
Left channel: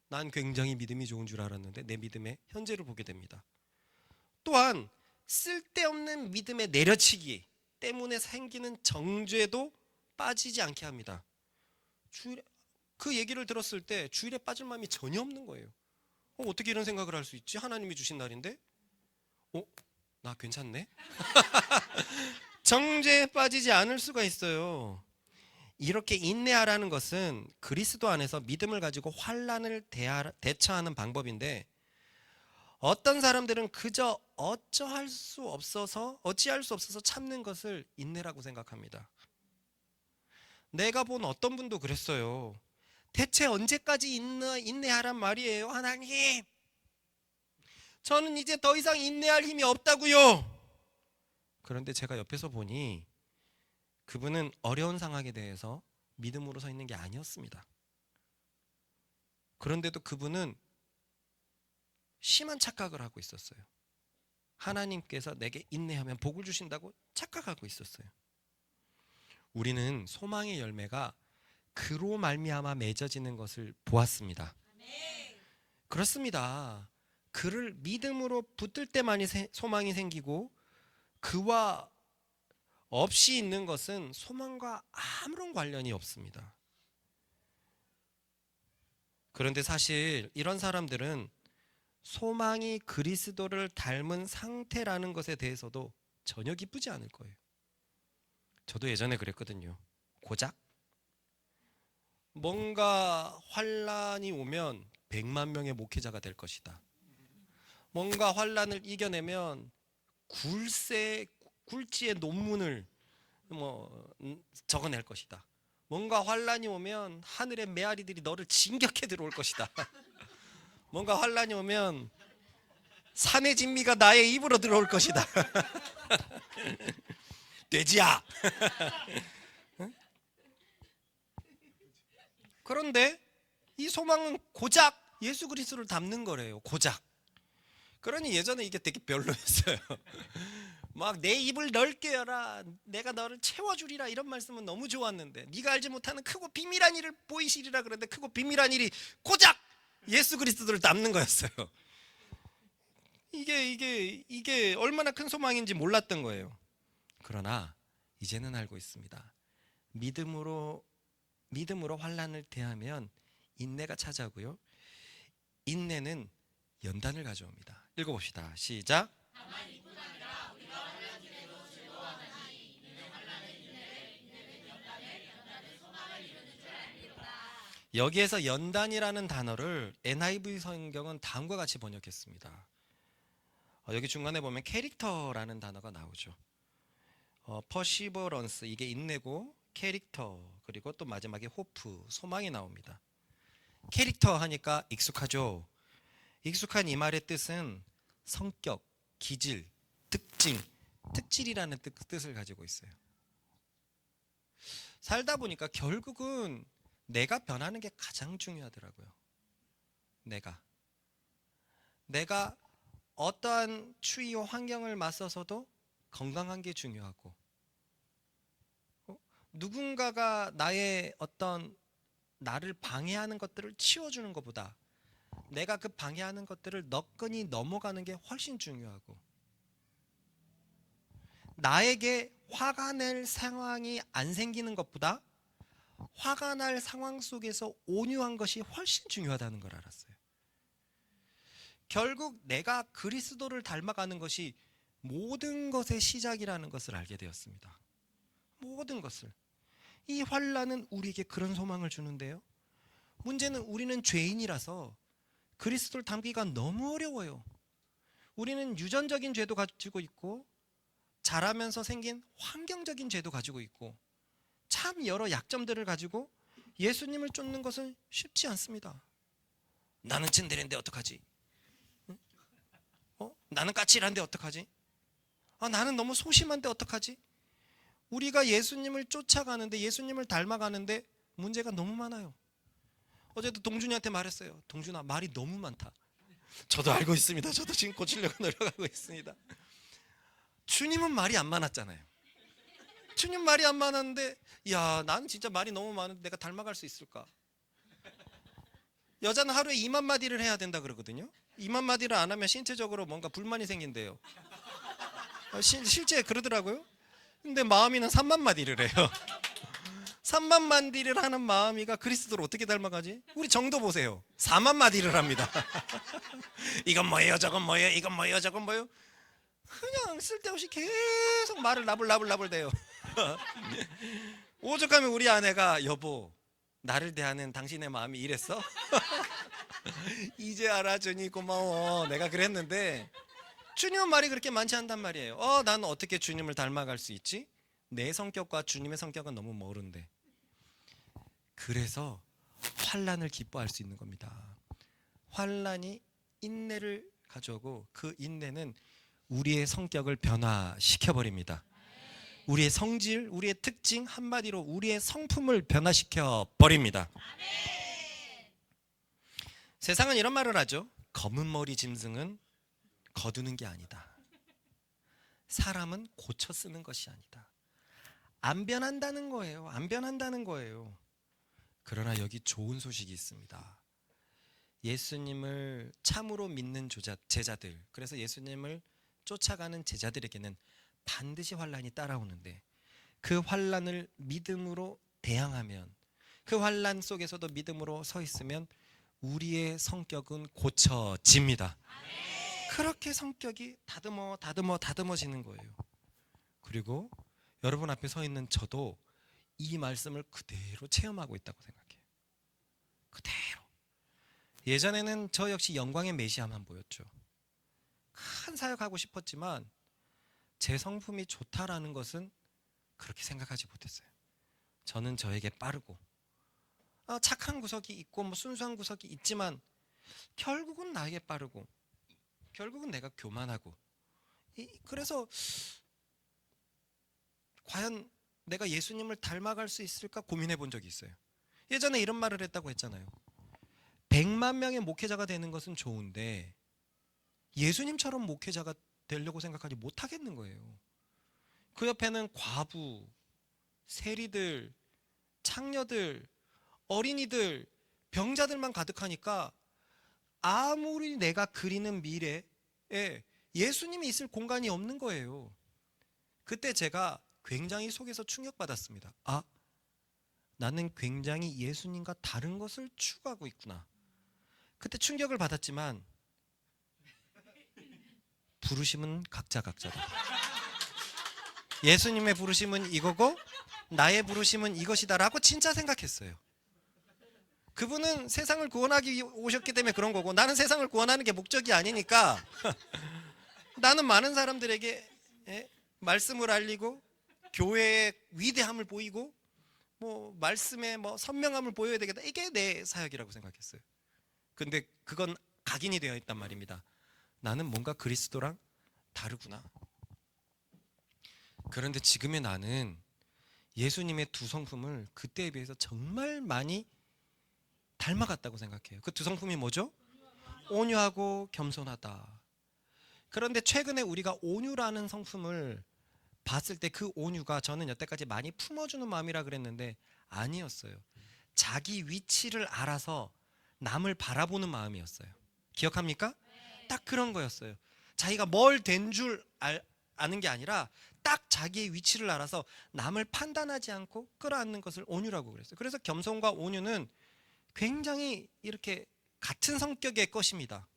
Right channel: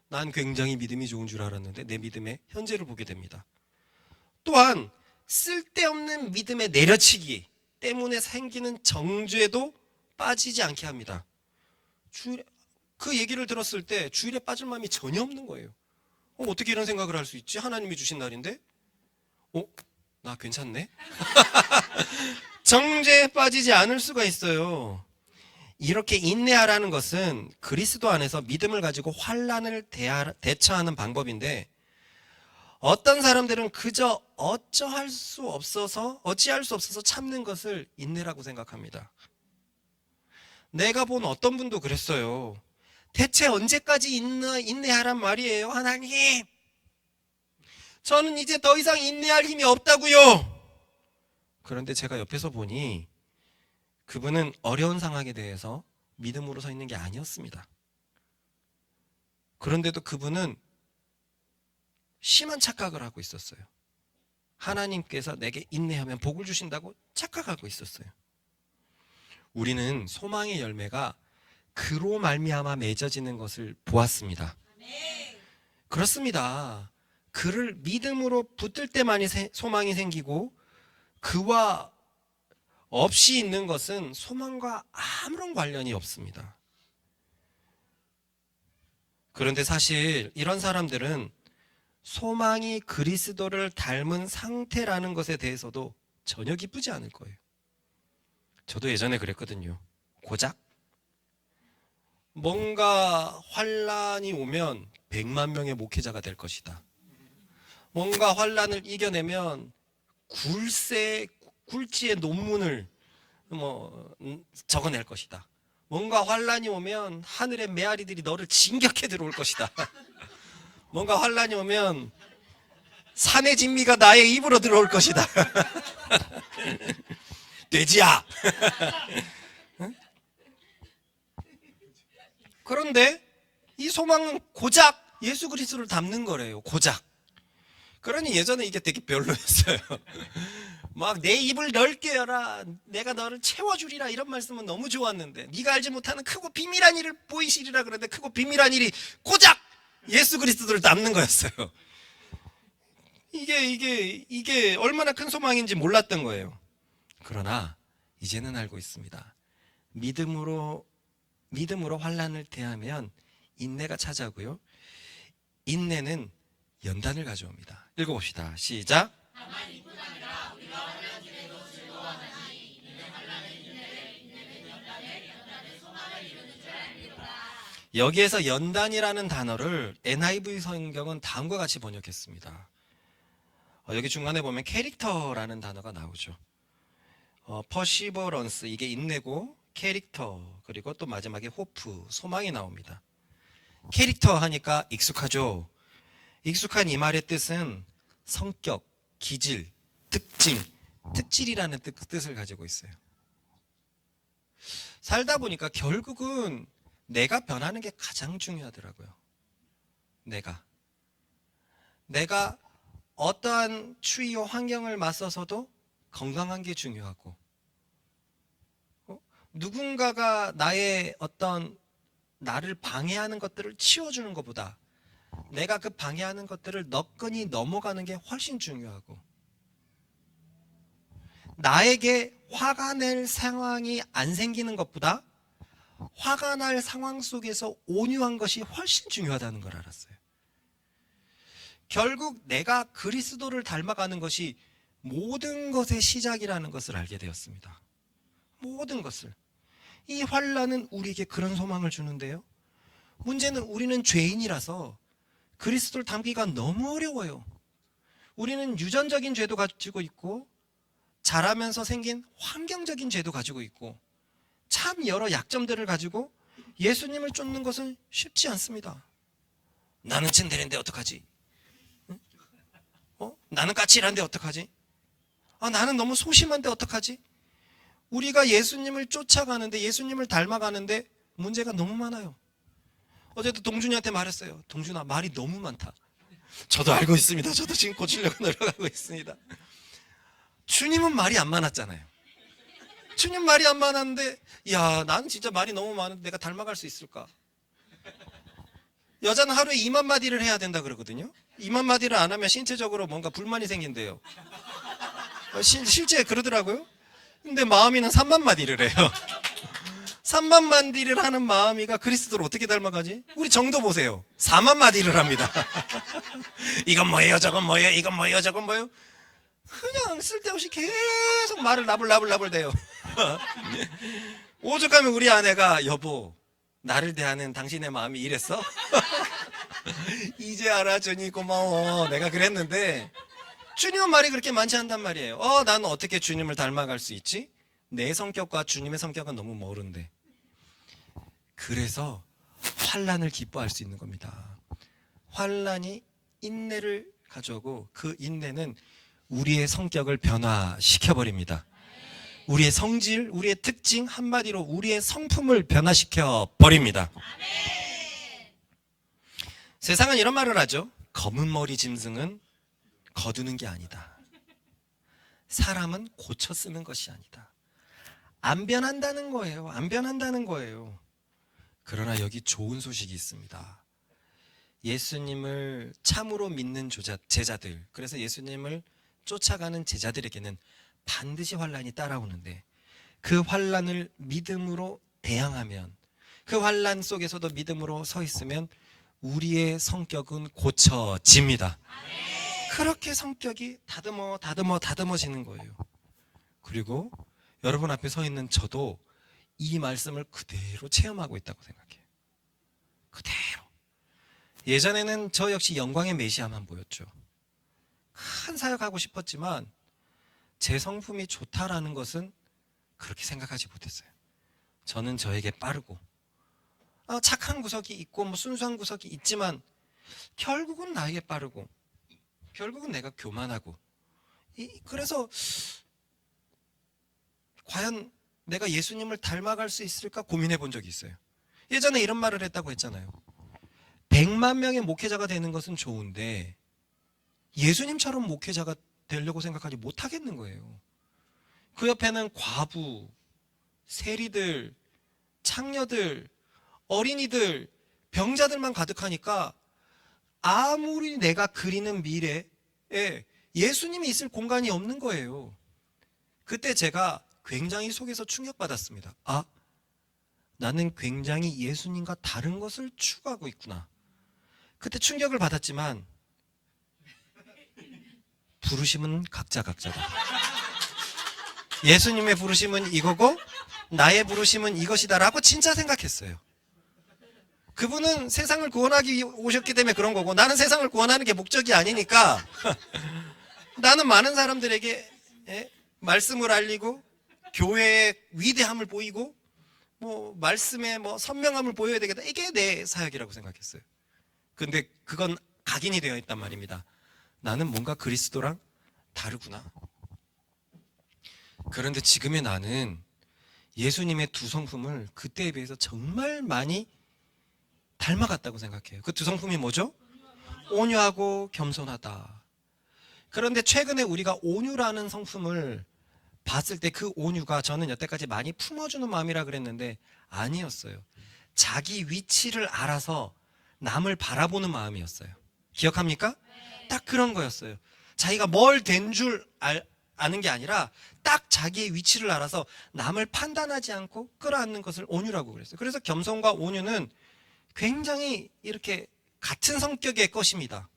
난 굉장히 믿음이 좋은 줄 알았는데 내 믿음의 현재를 보게 됩니다. 또한 쓸데없는 믿음의 내려치기 때문에 생기는 정죄도 빠지지 않게 합니다. 주일에, 그 얘기를 들었을 때 주일에 빠질 마음이 전혀 없는 거예요. 어떻게 이런 생각을 할 수 있지? 하나님이 주신 날인데? 나 괜찮네? 정죄에 빠지지 않을 수가 있어요. 이렇게 인내하라는 것은 그리스도 안에서 믿음을 가지고 환난을 대처하는 방법인데, 어떤 사람들은 그저 어찌할 수 없어서 참는 것을 인내라고 생각합니다. 내가 본 어떤 분도 그랬어요. 대체 언제까지 인내하란 말이에요? 하나님, 저는 이제 더 이상 인내할 힘이 없다고요. 그런데 제가 옆에서 보니 그분은 어려운 상황에 대해서 믿음으로 서 있는 게 아니었습니다. 그런데도 그분은 심한 착각을 하고 있었어요. 하나님께서 내게 인내하면 복을 주신다고 착각하고 있었어요. 우리는 소망의 열매가 그로 말미암아 맺어지는 것을 보았습니다. 그렇습니다. 그를 믿음으로 붙들 때만이 소망이 생기고, 그와 없이 있는 것은 소망과 아무런 관련이 없습니다. 그런데 사실 이런 사람들은 소망이 그리스도를 닮은 상태라는 것에 대해서도 전혀 기쁘지 않을 거예요. 저도 예전에 그랬거든요. 고작 뭔가 환란이 오면 100만 명의 목회자가 될 것이다. 뭔가 환란을 이겨내면 굴지의 논문을 적어낼 것이다. 뭔가 환란이 오면 하늘의 메아리들이 너를 진격해 들어올 것이다. 뭔가 환란이 오면 산의 진미가 나의 입으로 들어올 것이다. 돼지야. 그런데 이 소망은 고작 예수 그리스도를 닮는 거래요. 고작. 그러니 예전에 이게 되게 별로였어요. 막 내 입을 넓게 열어, 내가 너를 채워주리라, 이런 말씀은 너무 좋았는데, 네가 알지 못하는 크고 비밀한 일을 보이시리라 그러는데, 크고 비밀한 일이 고작 예수 그리스도를 닮는 거였어요. 이게 얼마나 큰 소망인지 몰랐던 거예요. 그러나 이제는 알고 있습니다. 믿음으로 환난을 대하면 인내가 찾아오고요, 인내는 연단을 가져옵니다. 읽어봅시다. 시작. 여기에서 연단이라는 단어를 NIV 성경은 다음과 같이 번역했습니다. 여기 중간에 보면 캐릭터라는 단어가 나오죠. 퍼시버런스, 이게 인내고, 캐릭터, 그리고 또 마지막에 호프, 소망이 나옵니다. 캐릭터 하니까 익숙하죠. 익숙한 이 말의 뜻은 성격, 기질, 특질이라는 뜻을 가지고 있어요. 살다 보니까 결국은 내가 변하는 게 가장 중요하더라고요. 내가 어떠한 추위와 환경을 맞서서도 건강한 게 중요하고, 누군가가 나를 방해하는 것들을 치워주는 것보다 내가 그 방해하는 것들을 너끈히 넘어가는 게 훨씬 중요하고, 나에게 화가 날 상황이 안 생기는 것보다 화가 날 상황 속에서 온유한 것이 훨씬 중요하다는 걸 알았어요. 결국 내가 그리스도를 닮아가는 것이 모든 것의 시작이라는 것을 알게 되었습니다. 모든 것을. 이 환난은 우리에게 그런 소망을 주는데요, 문제는 우리는 죄인이라서 그리스도를 닮기가 너무 어려워요. 우리는 유전적인 죄도 가지고 있고, 자라면서 생긴 환경적인 죄도 가지고 있고, 참 여러 약점들을 가지고 예수님을 쫓는 것은 쉽지 않습니다. 나는 츤데레인데 어떡하지? 나는 까칠한데 어떡하지? 나는 너무 소심한데 어떡하지? 우리가 예수님을 쫓아가는데, 예수님을 닮아가는데 문제가 너무 많아요. 어제도 동준이한테 말했어요. 동준아, 말이 너무 많다. 저도 알고 있습니다. 저도 지금 고치려고 노력하고 있습니다. 주님은 말이 안 많았잖아요. 주님 말이 안 많았는데, 나는 진짜 말이 너무 많은데 내가 닮아갈 수 있을까? 여자는 하루에 2만 마디를 해야 된다 그러거든요. 2만 마디를 안 하면 신체적으로 뭔가 불만이 생긴대요. 실제 그러더라고요. 근데 마음이는 3만 마디를 해요. 3만 마디를 하는 마음이가 그리스도를 어떻게 닮아가지? 우리 정도 보세요. 4만 마디를 합니다. 이건 뭐예요? 저건 뭐예요? 이건 뭐예요? 저건 뭐예요? 그냥 쓸데없이 계속 말을 나불나불 대요. 오죽하면 우리 아내가 여보 나를 대하는 당신의 마음이 이랬어? 이제 알아주니 고마워. 내가 그랬는데 주님은 말이 그렇게 많지 않단 말이에요. 나는 어떻게 주님을 닮아갈 수 있지? 내 성격과 주님의 성격은 너무 멀은데. 그래서 환난을 기뻐할 수 있는 겁니다. 환난이 인내를 가져오고 그 인내는 우리의 성격을 변화시켜 버립니다. 우리의 성질, 우리의 특징, 한마디로 우리의 성품을 변화시켜 버립니다. 세상은 이런 말을 하죠. 검은 머리 짐승은 거두는 게 아니다. 사람은 고쳐 쓰는 것이 아니다. 안 변한다는 거예요. 안 변한다는 거예요. 그러나 여기 좋은 소식이 있습니다. 예수님을 참으로 믿는 제자들, 그래서 예수님을 쫓아가는 제자들에게는 반드시 환난이 따라오는데 그 환난을 믿음으로 대항하면, 그 환난 속에서도 믿음으로 서 있으면 우리의 성격은 고쳐집니다. 그렇게 성격이 다듬어지는 거예요. 그리고 여러분 앞에 서 있는 저도 이 말씀을 그대로 체험하고 있다고 생각해요. 그대로. 예전에는 저 역시 영광의 메시아만 보였죠. 큰 사역하고 싶었지만 제 성품이 좋다라는 것은 그렇게 생각하지 못했어요. 저는 저에게 빠르고 착한 구석이 있고 순수한 구석이 있지만 결국은 나에게 빠르고 결국은 내가 교만하고 그래서 과연 내가 예수님을 닮아갈 수 있을까 고민해 본 적이 있어요. 예전에 이런 말을 했다고 했잖아요. 100만 명의 목회자가 되는 것은 좋은데 예수님처럼 목회자가 되려고 생각하지 못하겠는 거예요. 그 옆에는 과부, 세리들, 창녀들, 어린이들, 병자들만 가득하니까 아무리 내가 그리는 미래에 예수님이 있을 공간이 없는 거예요. 그때 제가 굉장히 속에서 충격받았습니다. 나는 굉장히 예수님과 다른 것을 추구하고 있구나. 그때 충격을 받았지만 부르심은 각자다. 예수님의 부르심은 이거고 나의 부르심은 이것이다라고 진짜 생각했어요. 그분은 세상을 구원하기 오셨기 때문에 그런 거고 나는 세상을 구원하는 게 목적이 아니니까 나는 많은 사람들에게 말씀을 알리고 교회의 위대함을 보이고 말씀의 선명함을 보여야 되겠다. 이게 내 사역이라고 생각했어요. 근데 그건 각인이 되어 있단 말입니다. 나는 뭔가 그리스도랑 다르구나. 그런데 지금의 나는 예수님의 두 성품을 그때에 비해서 정말 많이 닮아갔다고 생각해요. 그 두 성품이 뭐죠? 온유하고 겸손하다. 그런데 최근에 우리가 온유라는 성품을 봤을 때 그 온유가 저는 여태까지 많이 품어주는 마음이라 그랬는데 아니었어요. 자기 위치를 알아서 남을 바라보는 마음이었어요. 기억합니까? 딱 그런 거였어요. 자기가 뭘 된 줄 아는 게 아니라 딱 자기의 위치를 알아서 남을 판단하지 않고 끌어안는 것을 온유라고 그랬어요. 그래서 겸손과 온유는 굉장히 이렇게 같은 성격의 것입니다.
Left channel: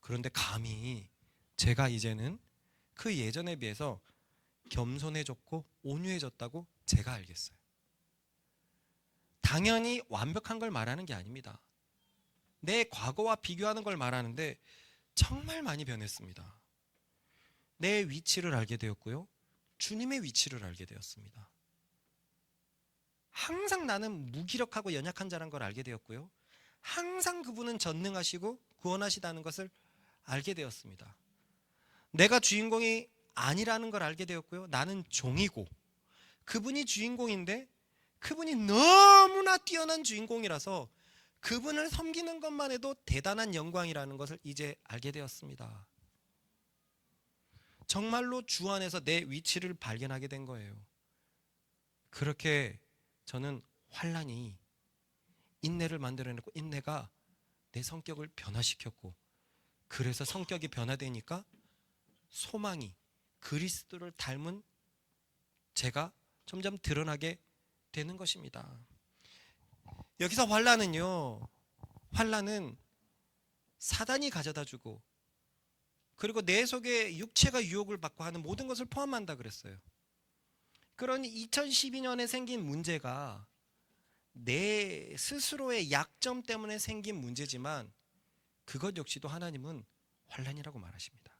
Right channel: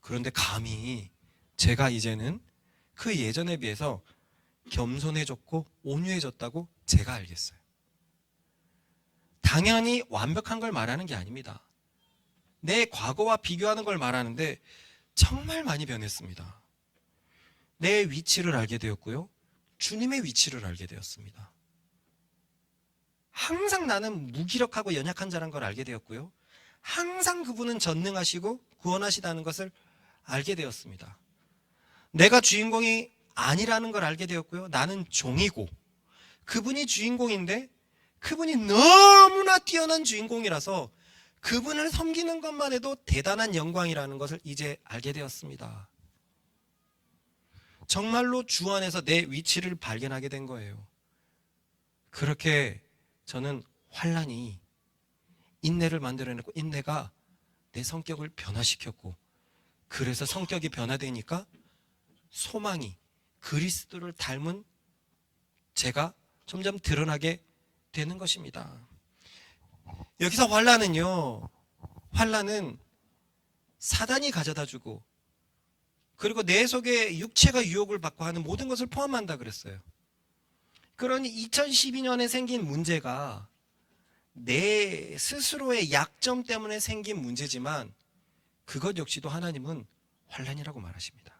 그런데 감히 제가 이제는 그 예전에 비해서 겸손해졌고 온유해졌다고 제가 알겠어요. 당연히 완벽한 걸 말하는 게 아닙니다. 내 과거와 비교하는 걸 말하는데 정말 많이 변했습니다. 내 위치를 알게 되었고요. 주님의 위치를 알게 되었습니다. 항상 나는 무기력하고 연약한 자란 걸 알게 되었고요. 항상 그분은 전능하시고 구원하시다는 것을 알게 되었습니다. 내가 주인공이 아니라는 걸 알게 되었고요. 나는 종이고 그분이 주인공인데 그분이 너무나 뛰어난 주인공이라서 그분을 섬기는 것만 해도 대단한 영광이라는 것을 이제 알게 되었습니다. 정말로 주 안에서 내 위치를 발견하게 된 거예요. 그렇게 저는 환난이 인내를 만들어내고 인내가 내 성격을 변화시켰고 그래서 성격이 변화되니까 소망이 그리스도를 닮은 제가 점점 드러나게 되는 것입니다. 여기서 환난은 사단이 가져다 주고 그리고 내 속에 육체가 유혹을 받고 하는 모든 것을 포함한다 그랬어요. 그러니 2012년에 생긴 문제가 내 스스로의 약점 때문에 생긴 문제지만 그것 역시도 하나님은 환난이라고 말하십니다.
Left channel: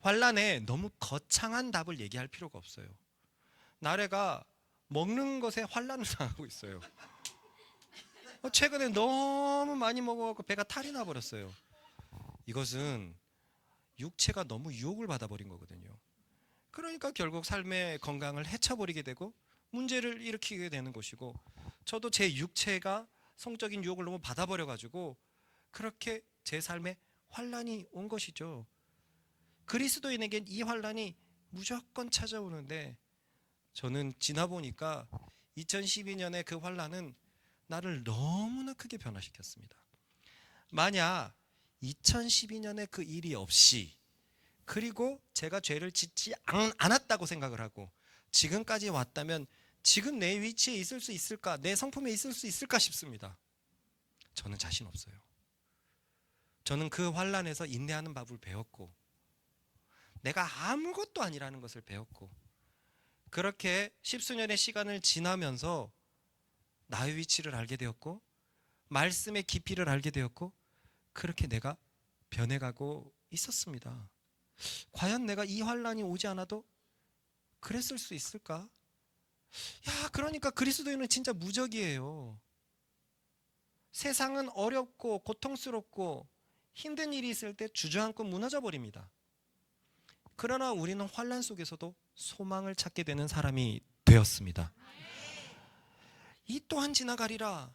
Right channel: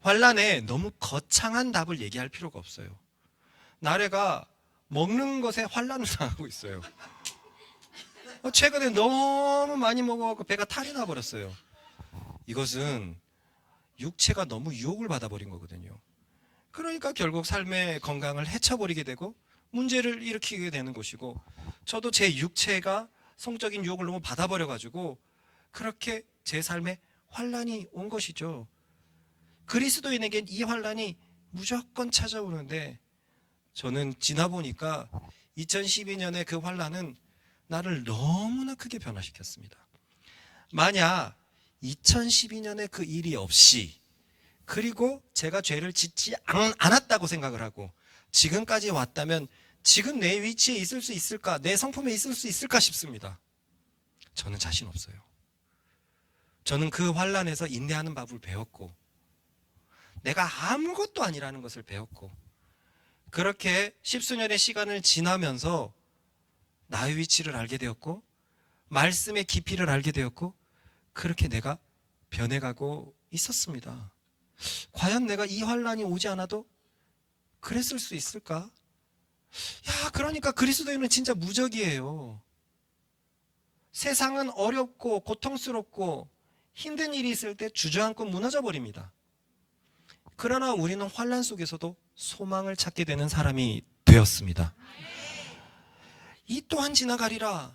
환난에 너무 거창한 답을 얘기할 필요가 없어요. 나래가 먹는 것에 환난을 당하고 있어요. 최근에 너무 많이 먹어서 배가 탈이 나버렸어요. 이것은 육체가 너무 유혹을 받아버린 거거든요. 그러니까 결국 삶의 건강을 해쳐버리게 되고 문제를 일으키게 되는 것이고 저도 제 육체가 성적인 유혹을 너무 받아버려가지고 그렇게 제 삶에 환난이 온 것이죠. 그리스도인에게 이 환난이 무조건 찾아오는데 저는 지나보니까 2012년에 그 환난은 나를 너무나 크게 변화시켰습니다. 만약 2012년에 그 일이 없이 그리고 제가 죄를 짓지 않았다고 생각을 하고 지금까지 왔다면 지금 내 위치에 있을 수 있을까? 내 성품에 있을 수 있을까 싶습니다. 저는 자신 없어요. 저는 그 환난에서 인내하는 법을 배웠고 내가 아무것도 아니라는 것을 배웠고 그렇게 십수년의 시간을 지나면서 나의 위치를 알게 되었고 말씀의 깊이를 알게 되었고 그렇게 내가 변해가고 있었습니다. 과연 내가 이 환난이 오지 않아도 그랬을 수 있을까? 그러니까 그리스도인은 진짜 무적이에요. 세상은 어렵고 고통스럽고 힘든 일이 있을 때 주저앉고 무너져 버립니다. 그러나 우리는 환난 속에서도 소망을 찾게 되는 사람이 되었습니다. 이 또한 지나가리라.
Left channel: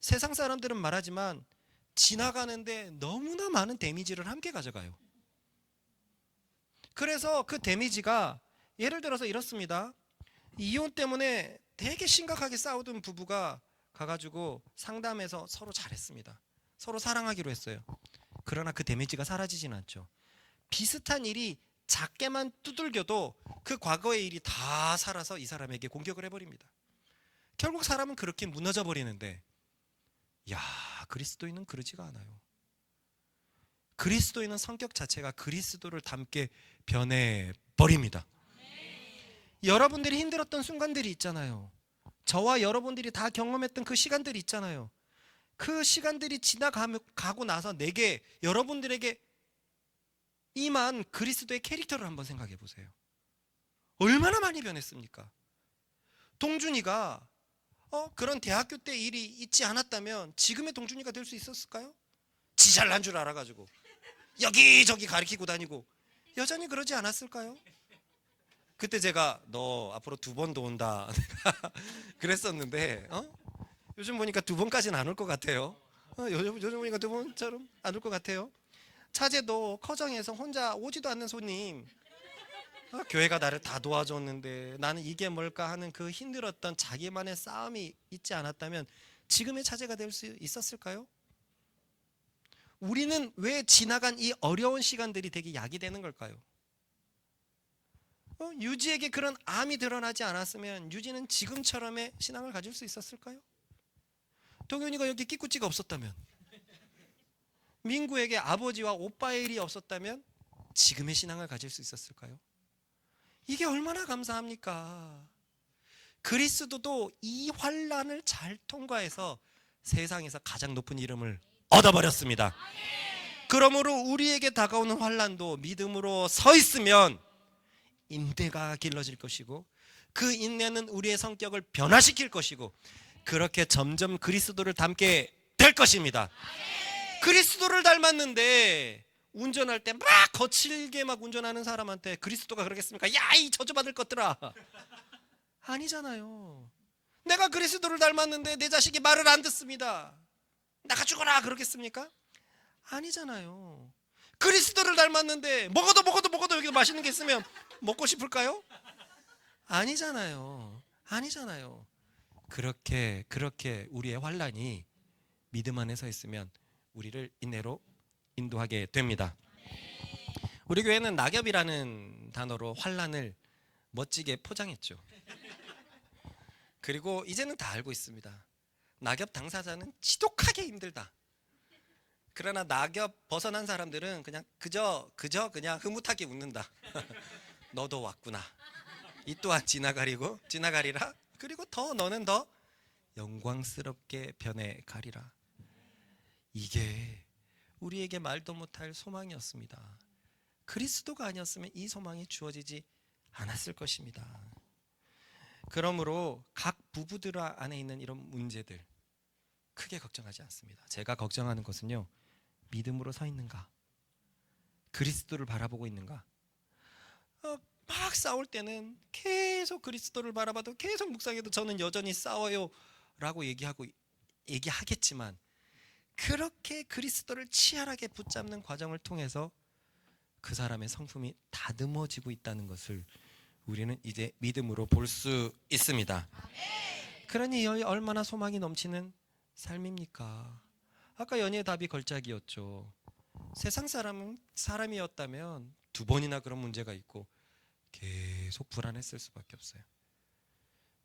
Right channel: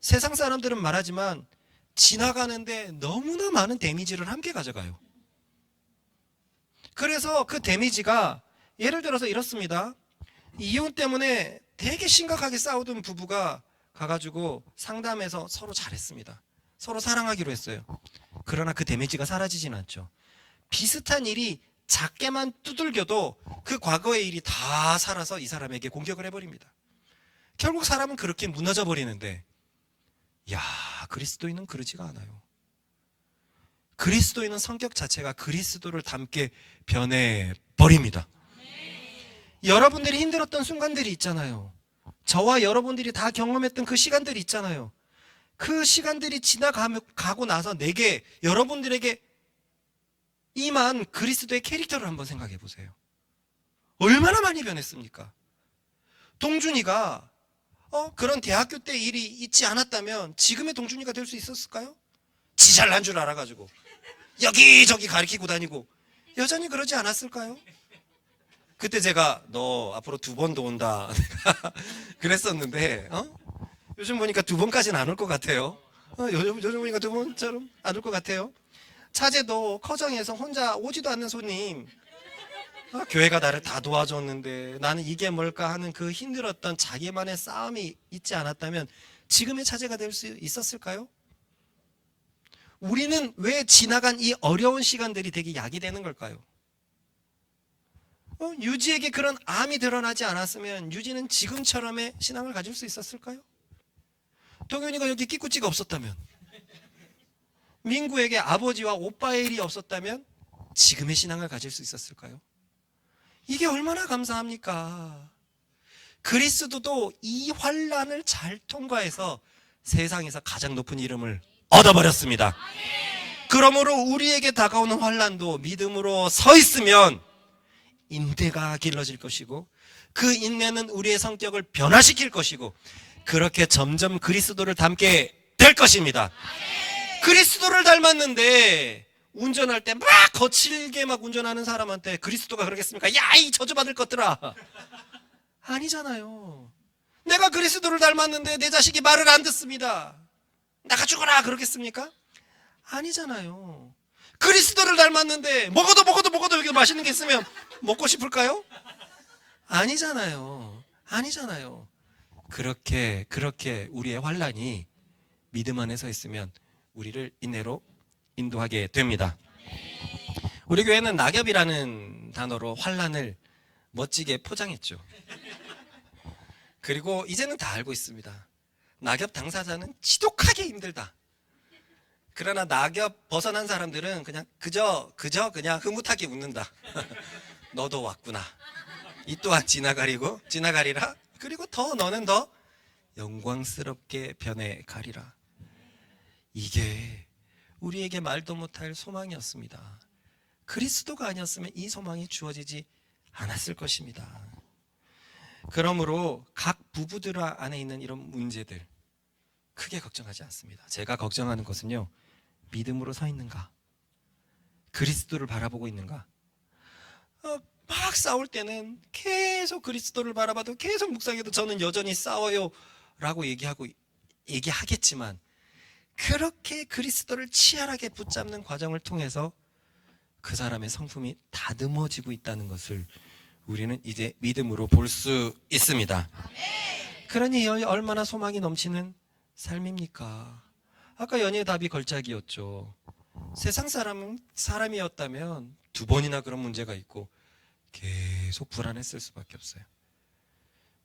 세상 사람들은 말하지만 지나가는데 너무나 많은 데미지를 함께 가져가요. 그래서 그 데미지가 예를 들어서 이렇습니다. 이혼 때문에 되게 심각하게 싸우던 부부가 가가지고 상담해서 서로 잘했습니다. 서로 사랑하기로 했어요. 그러나 그 데미지가 사라지진 않죠. 비슷한 일이 작게만 두들겨도 그 과거의 일이 다 살아서 이 사람에게 공격을 해버립니다. 결국 사람은 그렇게 무너져 버리는데 그리스도인은 그러지가 않아요. 그리스도인은 성격 자체가 그리스도를 닮게 변해버립니다. 여러분들이 힘들었던 순간들이 있잖아요. 저와 여러분들이 다 경험했던 그 시간들이 있잖아요. 그 시간들이 지나가고 나서 여러분들에게 임한 그리스도의 캐릭터를 한번 생각해 보세요. 얼마나 많이 변했습니까? 동준이가 그런 대학교 때 일이 있지 않았다면 지금의 동준이가 될 수 있었을까요? 지 잘난 줄 알아가지고 여기저기 가리키고 다니고 여전히 그러지 않았을까요? 그때 제가 너 앞으로 2번 더 온다 그랬었는데 요즘 보니까 2번까지는 안 올 것 같아요. 요즘 보니까 2번처럼 안 올 것 같아요. 차제도 커정에서 혼자 오지도 않는 손님 교회가 나를 다 도와줬는데 나는 이게 뭘까 하는 그 힘들었던 자기만의 싸움이 있지 않았다면 지금의 차제가 될 수 있었을까요? 우리는 왜 지나간 이 어려운 시간들이 되게 약이 되는 걸까요? 유지에게 그런 암이 드러나지 않았으면 유지는 지금처럼의 신앙을 가질 수 있었을까요? 동현이가 여기 끼꾸찌가 없었다면, 민구에게 아버지와 오빠의 일이 없었다면 지금의 신앙을 가질 수 있었을까요? 이게 얼마나 감사합니까? 그리스도도 이 환난을 잘 통과해서 세상에서 가장 높은 이름을 얻어버렸습니다. 그러므로 우리에게 다가오는 환난도 믿음으로 서 있으면 인내가 길러질 것이고 그 인내는 우리의 성격을 변화시킬 것이고 그렇게 점점 그리스도를 닮게 될 것입니다. 그리스도를 닮았는데 운전할 때 막 거칠게 막 운전하는 사람한테 그리스도가 그러겠습니까? 야, 이 저주받을 것들아. 아니잖아요. 내가 그리스도를 닮았는데 내 자식이 말을 안 듣습니다. 나가 죽어라 그러겠습니까? 아니잖아요. 그리스도를 닮았는데 먹어도 여기 맛있는 게 있으면 먹고 싶을까요? 아니잖아요. 그렇게 우리의 환란이 믿음 안에 서 있으면 우리를 인내로 인도하게 됩니다. 우리 교회는 낙엽이라는 단어로 환란을 멋지게 포장했죠. 그리고 이제는 다 알고 있습니다. 낙엽 당사자는 지독하게 힘들다. 그러나 낙엽 벗어난 사람들은 그저 그냥 흐뭇하게 웃는다. 너도 왔구나. 이 또한 지나가리라. 그리고 너는 더 영광스럽게 변해가리라. 이게 우리에게 말도 못할 소망이었습니다. 그리스도가 아니었으면 이 소망이 주어지지 않았을 것입니다. 그러므로 각 부부들 안에 있는 이런 문제들 크게 걱정하지 않습니다. 제가 걱정하는 것은요, 믿음으로 서 있는가? 그리스도를 바라보고 있는가? 막 싸울 때는 계속 그리스도를 바라봐도 계속 묵상해도 저는 여전히 싸워요 라고 얘기하겠지만, 그렇게 그리스도를 치열하게 붙잡는 과정을 통해서 그 사람의 성품이 다듬어지고 있다는 것을 우리는 이제 믿음으로 볼 수 있습니다. 그러니 얼마나 소망이 넘치는 삶입니까? 아까 연희의 답이 걸작이었죠. 세상 사람이었다면 2번이나 그런 문제가 있고 계속 불안했을 수밖에 없어요.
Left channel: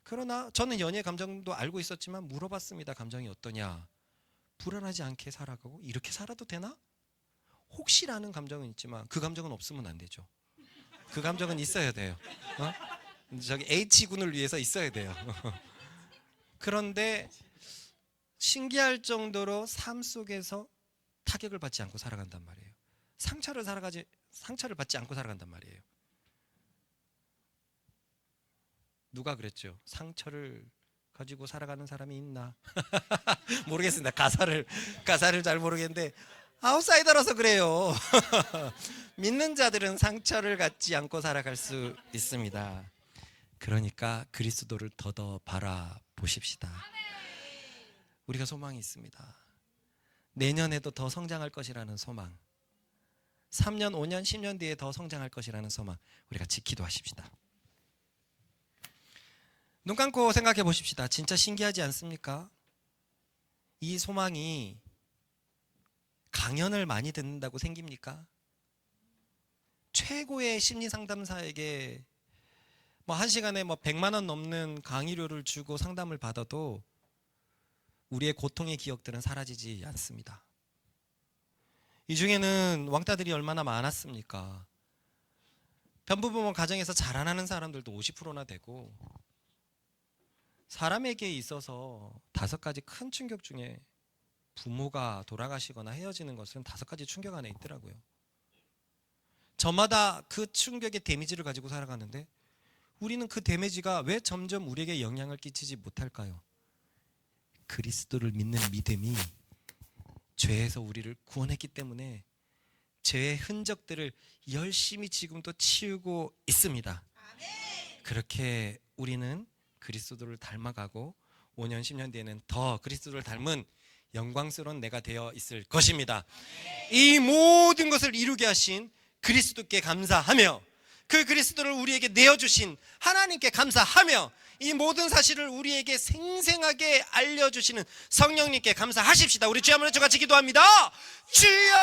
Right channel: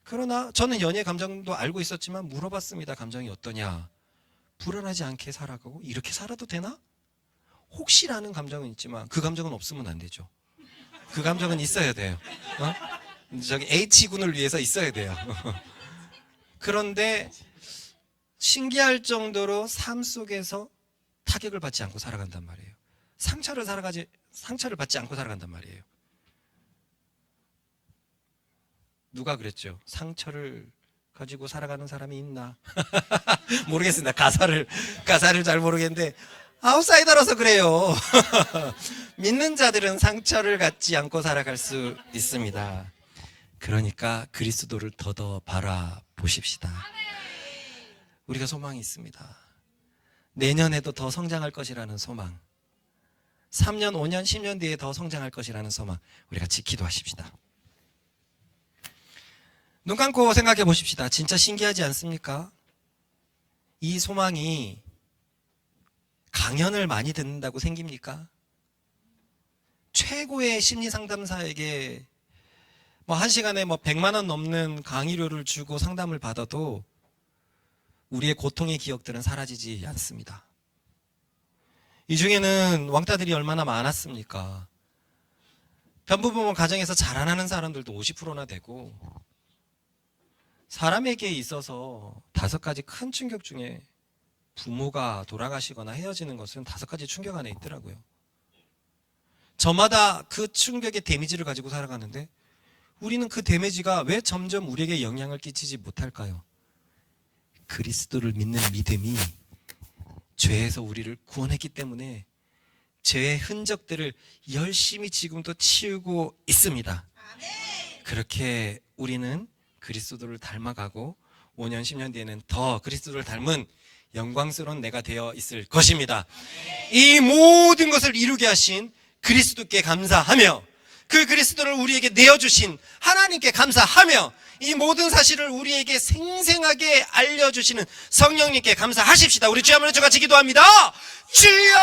그러나 저는 연희의 감정도 알고 있었지만 물어봤습니다. 감정이 어떠냐? 불안하지 않게 살아가고 이렇게 살아도 되나? 혹시라는 감정은 있지만 그 감정은 없으면 안 되죠. 그 감정은 있어야 돼요. 저기 H군을 위해서 있어야 돼요. 그런데 신기할 정도로 삶 속에서 타격을 받지 않고 살아간단 말이에요. 상처를 받지 않고 살아간단 말이에요. 누가 그랬죠? 상처를 가지고 살아가는 사람이 있나? 모르겠습니다. 가사를 잘 모르겠는데 아웃사이더라서 그래요. 믿는 자들은 상처를 갖지 않고 살아갈 수 있습니다. 그러니까 그리스도를 더더 바라보십시다. 우리가 소망이 있습니다. 내년에도 더 성장할 것이라는 소망, 3년, 5년, 10년 뒤에 더 성장할 것이라는 소망, 우리가 지키도 하십시다. 눈 감고 생각해 보십시다. 진짜 신기하지 않습니까? 이 소망이 강연을 많이 듣는다고 생깁니까? 최고의 심리상담사에게 1시간에 100만 원 넘는 강의료를 주고 상담을 받아도 우리의 고통의 기억들은 사라지지 않습니다. 이 중에는 왕따들이 얼마나 많았습니까? 편부모모 가정에서 자라나는 사람들도 50%나 되고, 사람에게 있어서 5가지 큰 충격 중에 부모가 돌아가시거나 헤어지는 것은 5가지 충격 안에 있더라고요. 저마다 그 충격의 데미지를 가지고 살아가는데 우리는 그 데미지가 왜 점점 우리에게 영향을 끼치지 못할까요? 그리스도를 믿는 믿음이 죄에서 우리를 구원했기 때문에 죄의 흔적들을 열심히 지금도 치우고 있습니다. 그렇게 우리는 그리스도를 닮아가고 5년, 10년 뒤에는 더 그리스도를 닮은 영광스러운 내가 되어 있을 것입니다. 이 모든 것을 이루게 하신 그리스도께 감사하며, 그 그리스도를 우리에게 내어주신 하나님께 감사하며, 이 모든 사실을 우리에게 생생하게 알려주시는 성령님께 감사하십시다. 우리 주여 한번 같이 기도합니다. 주여!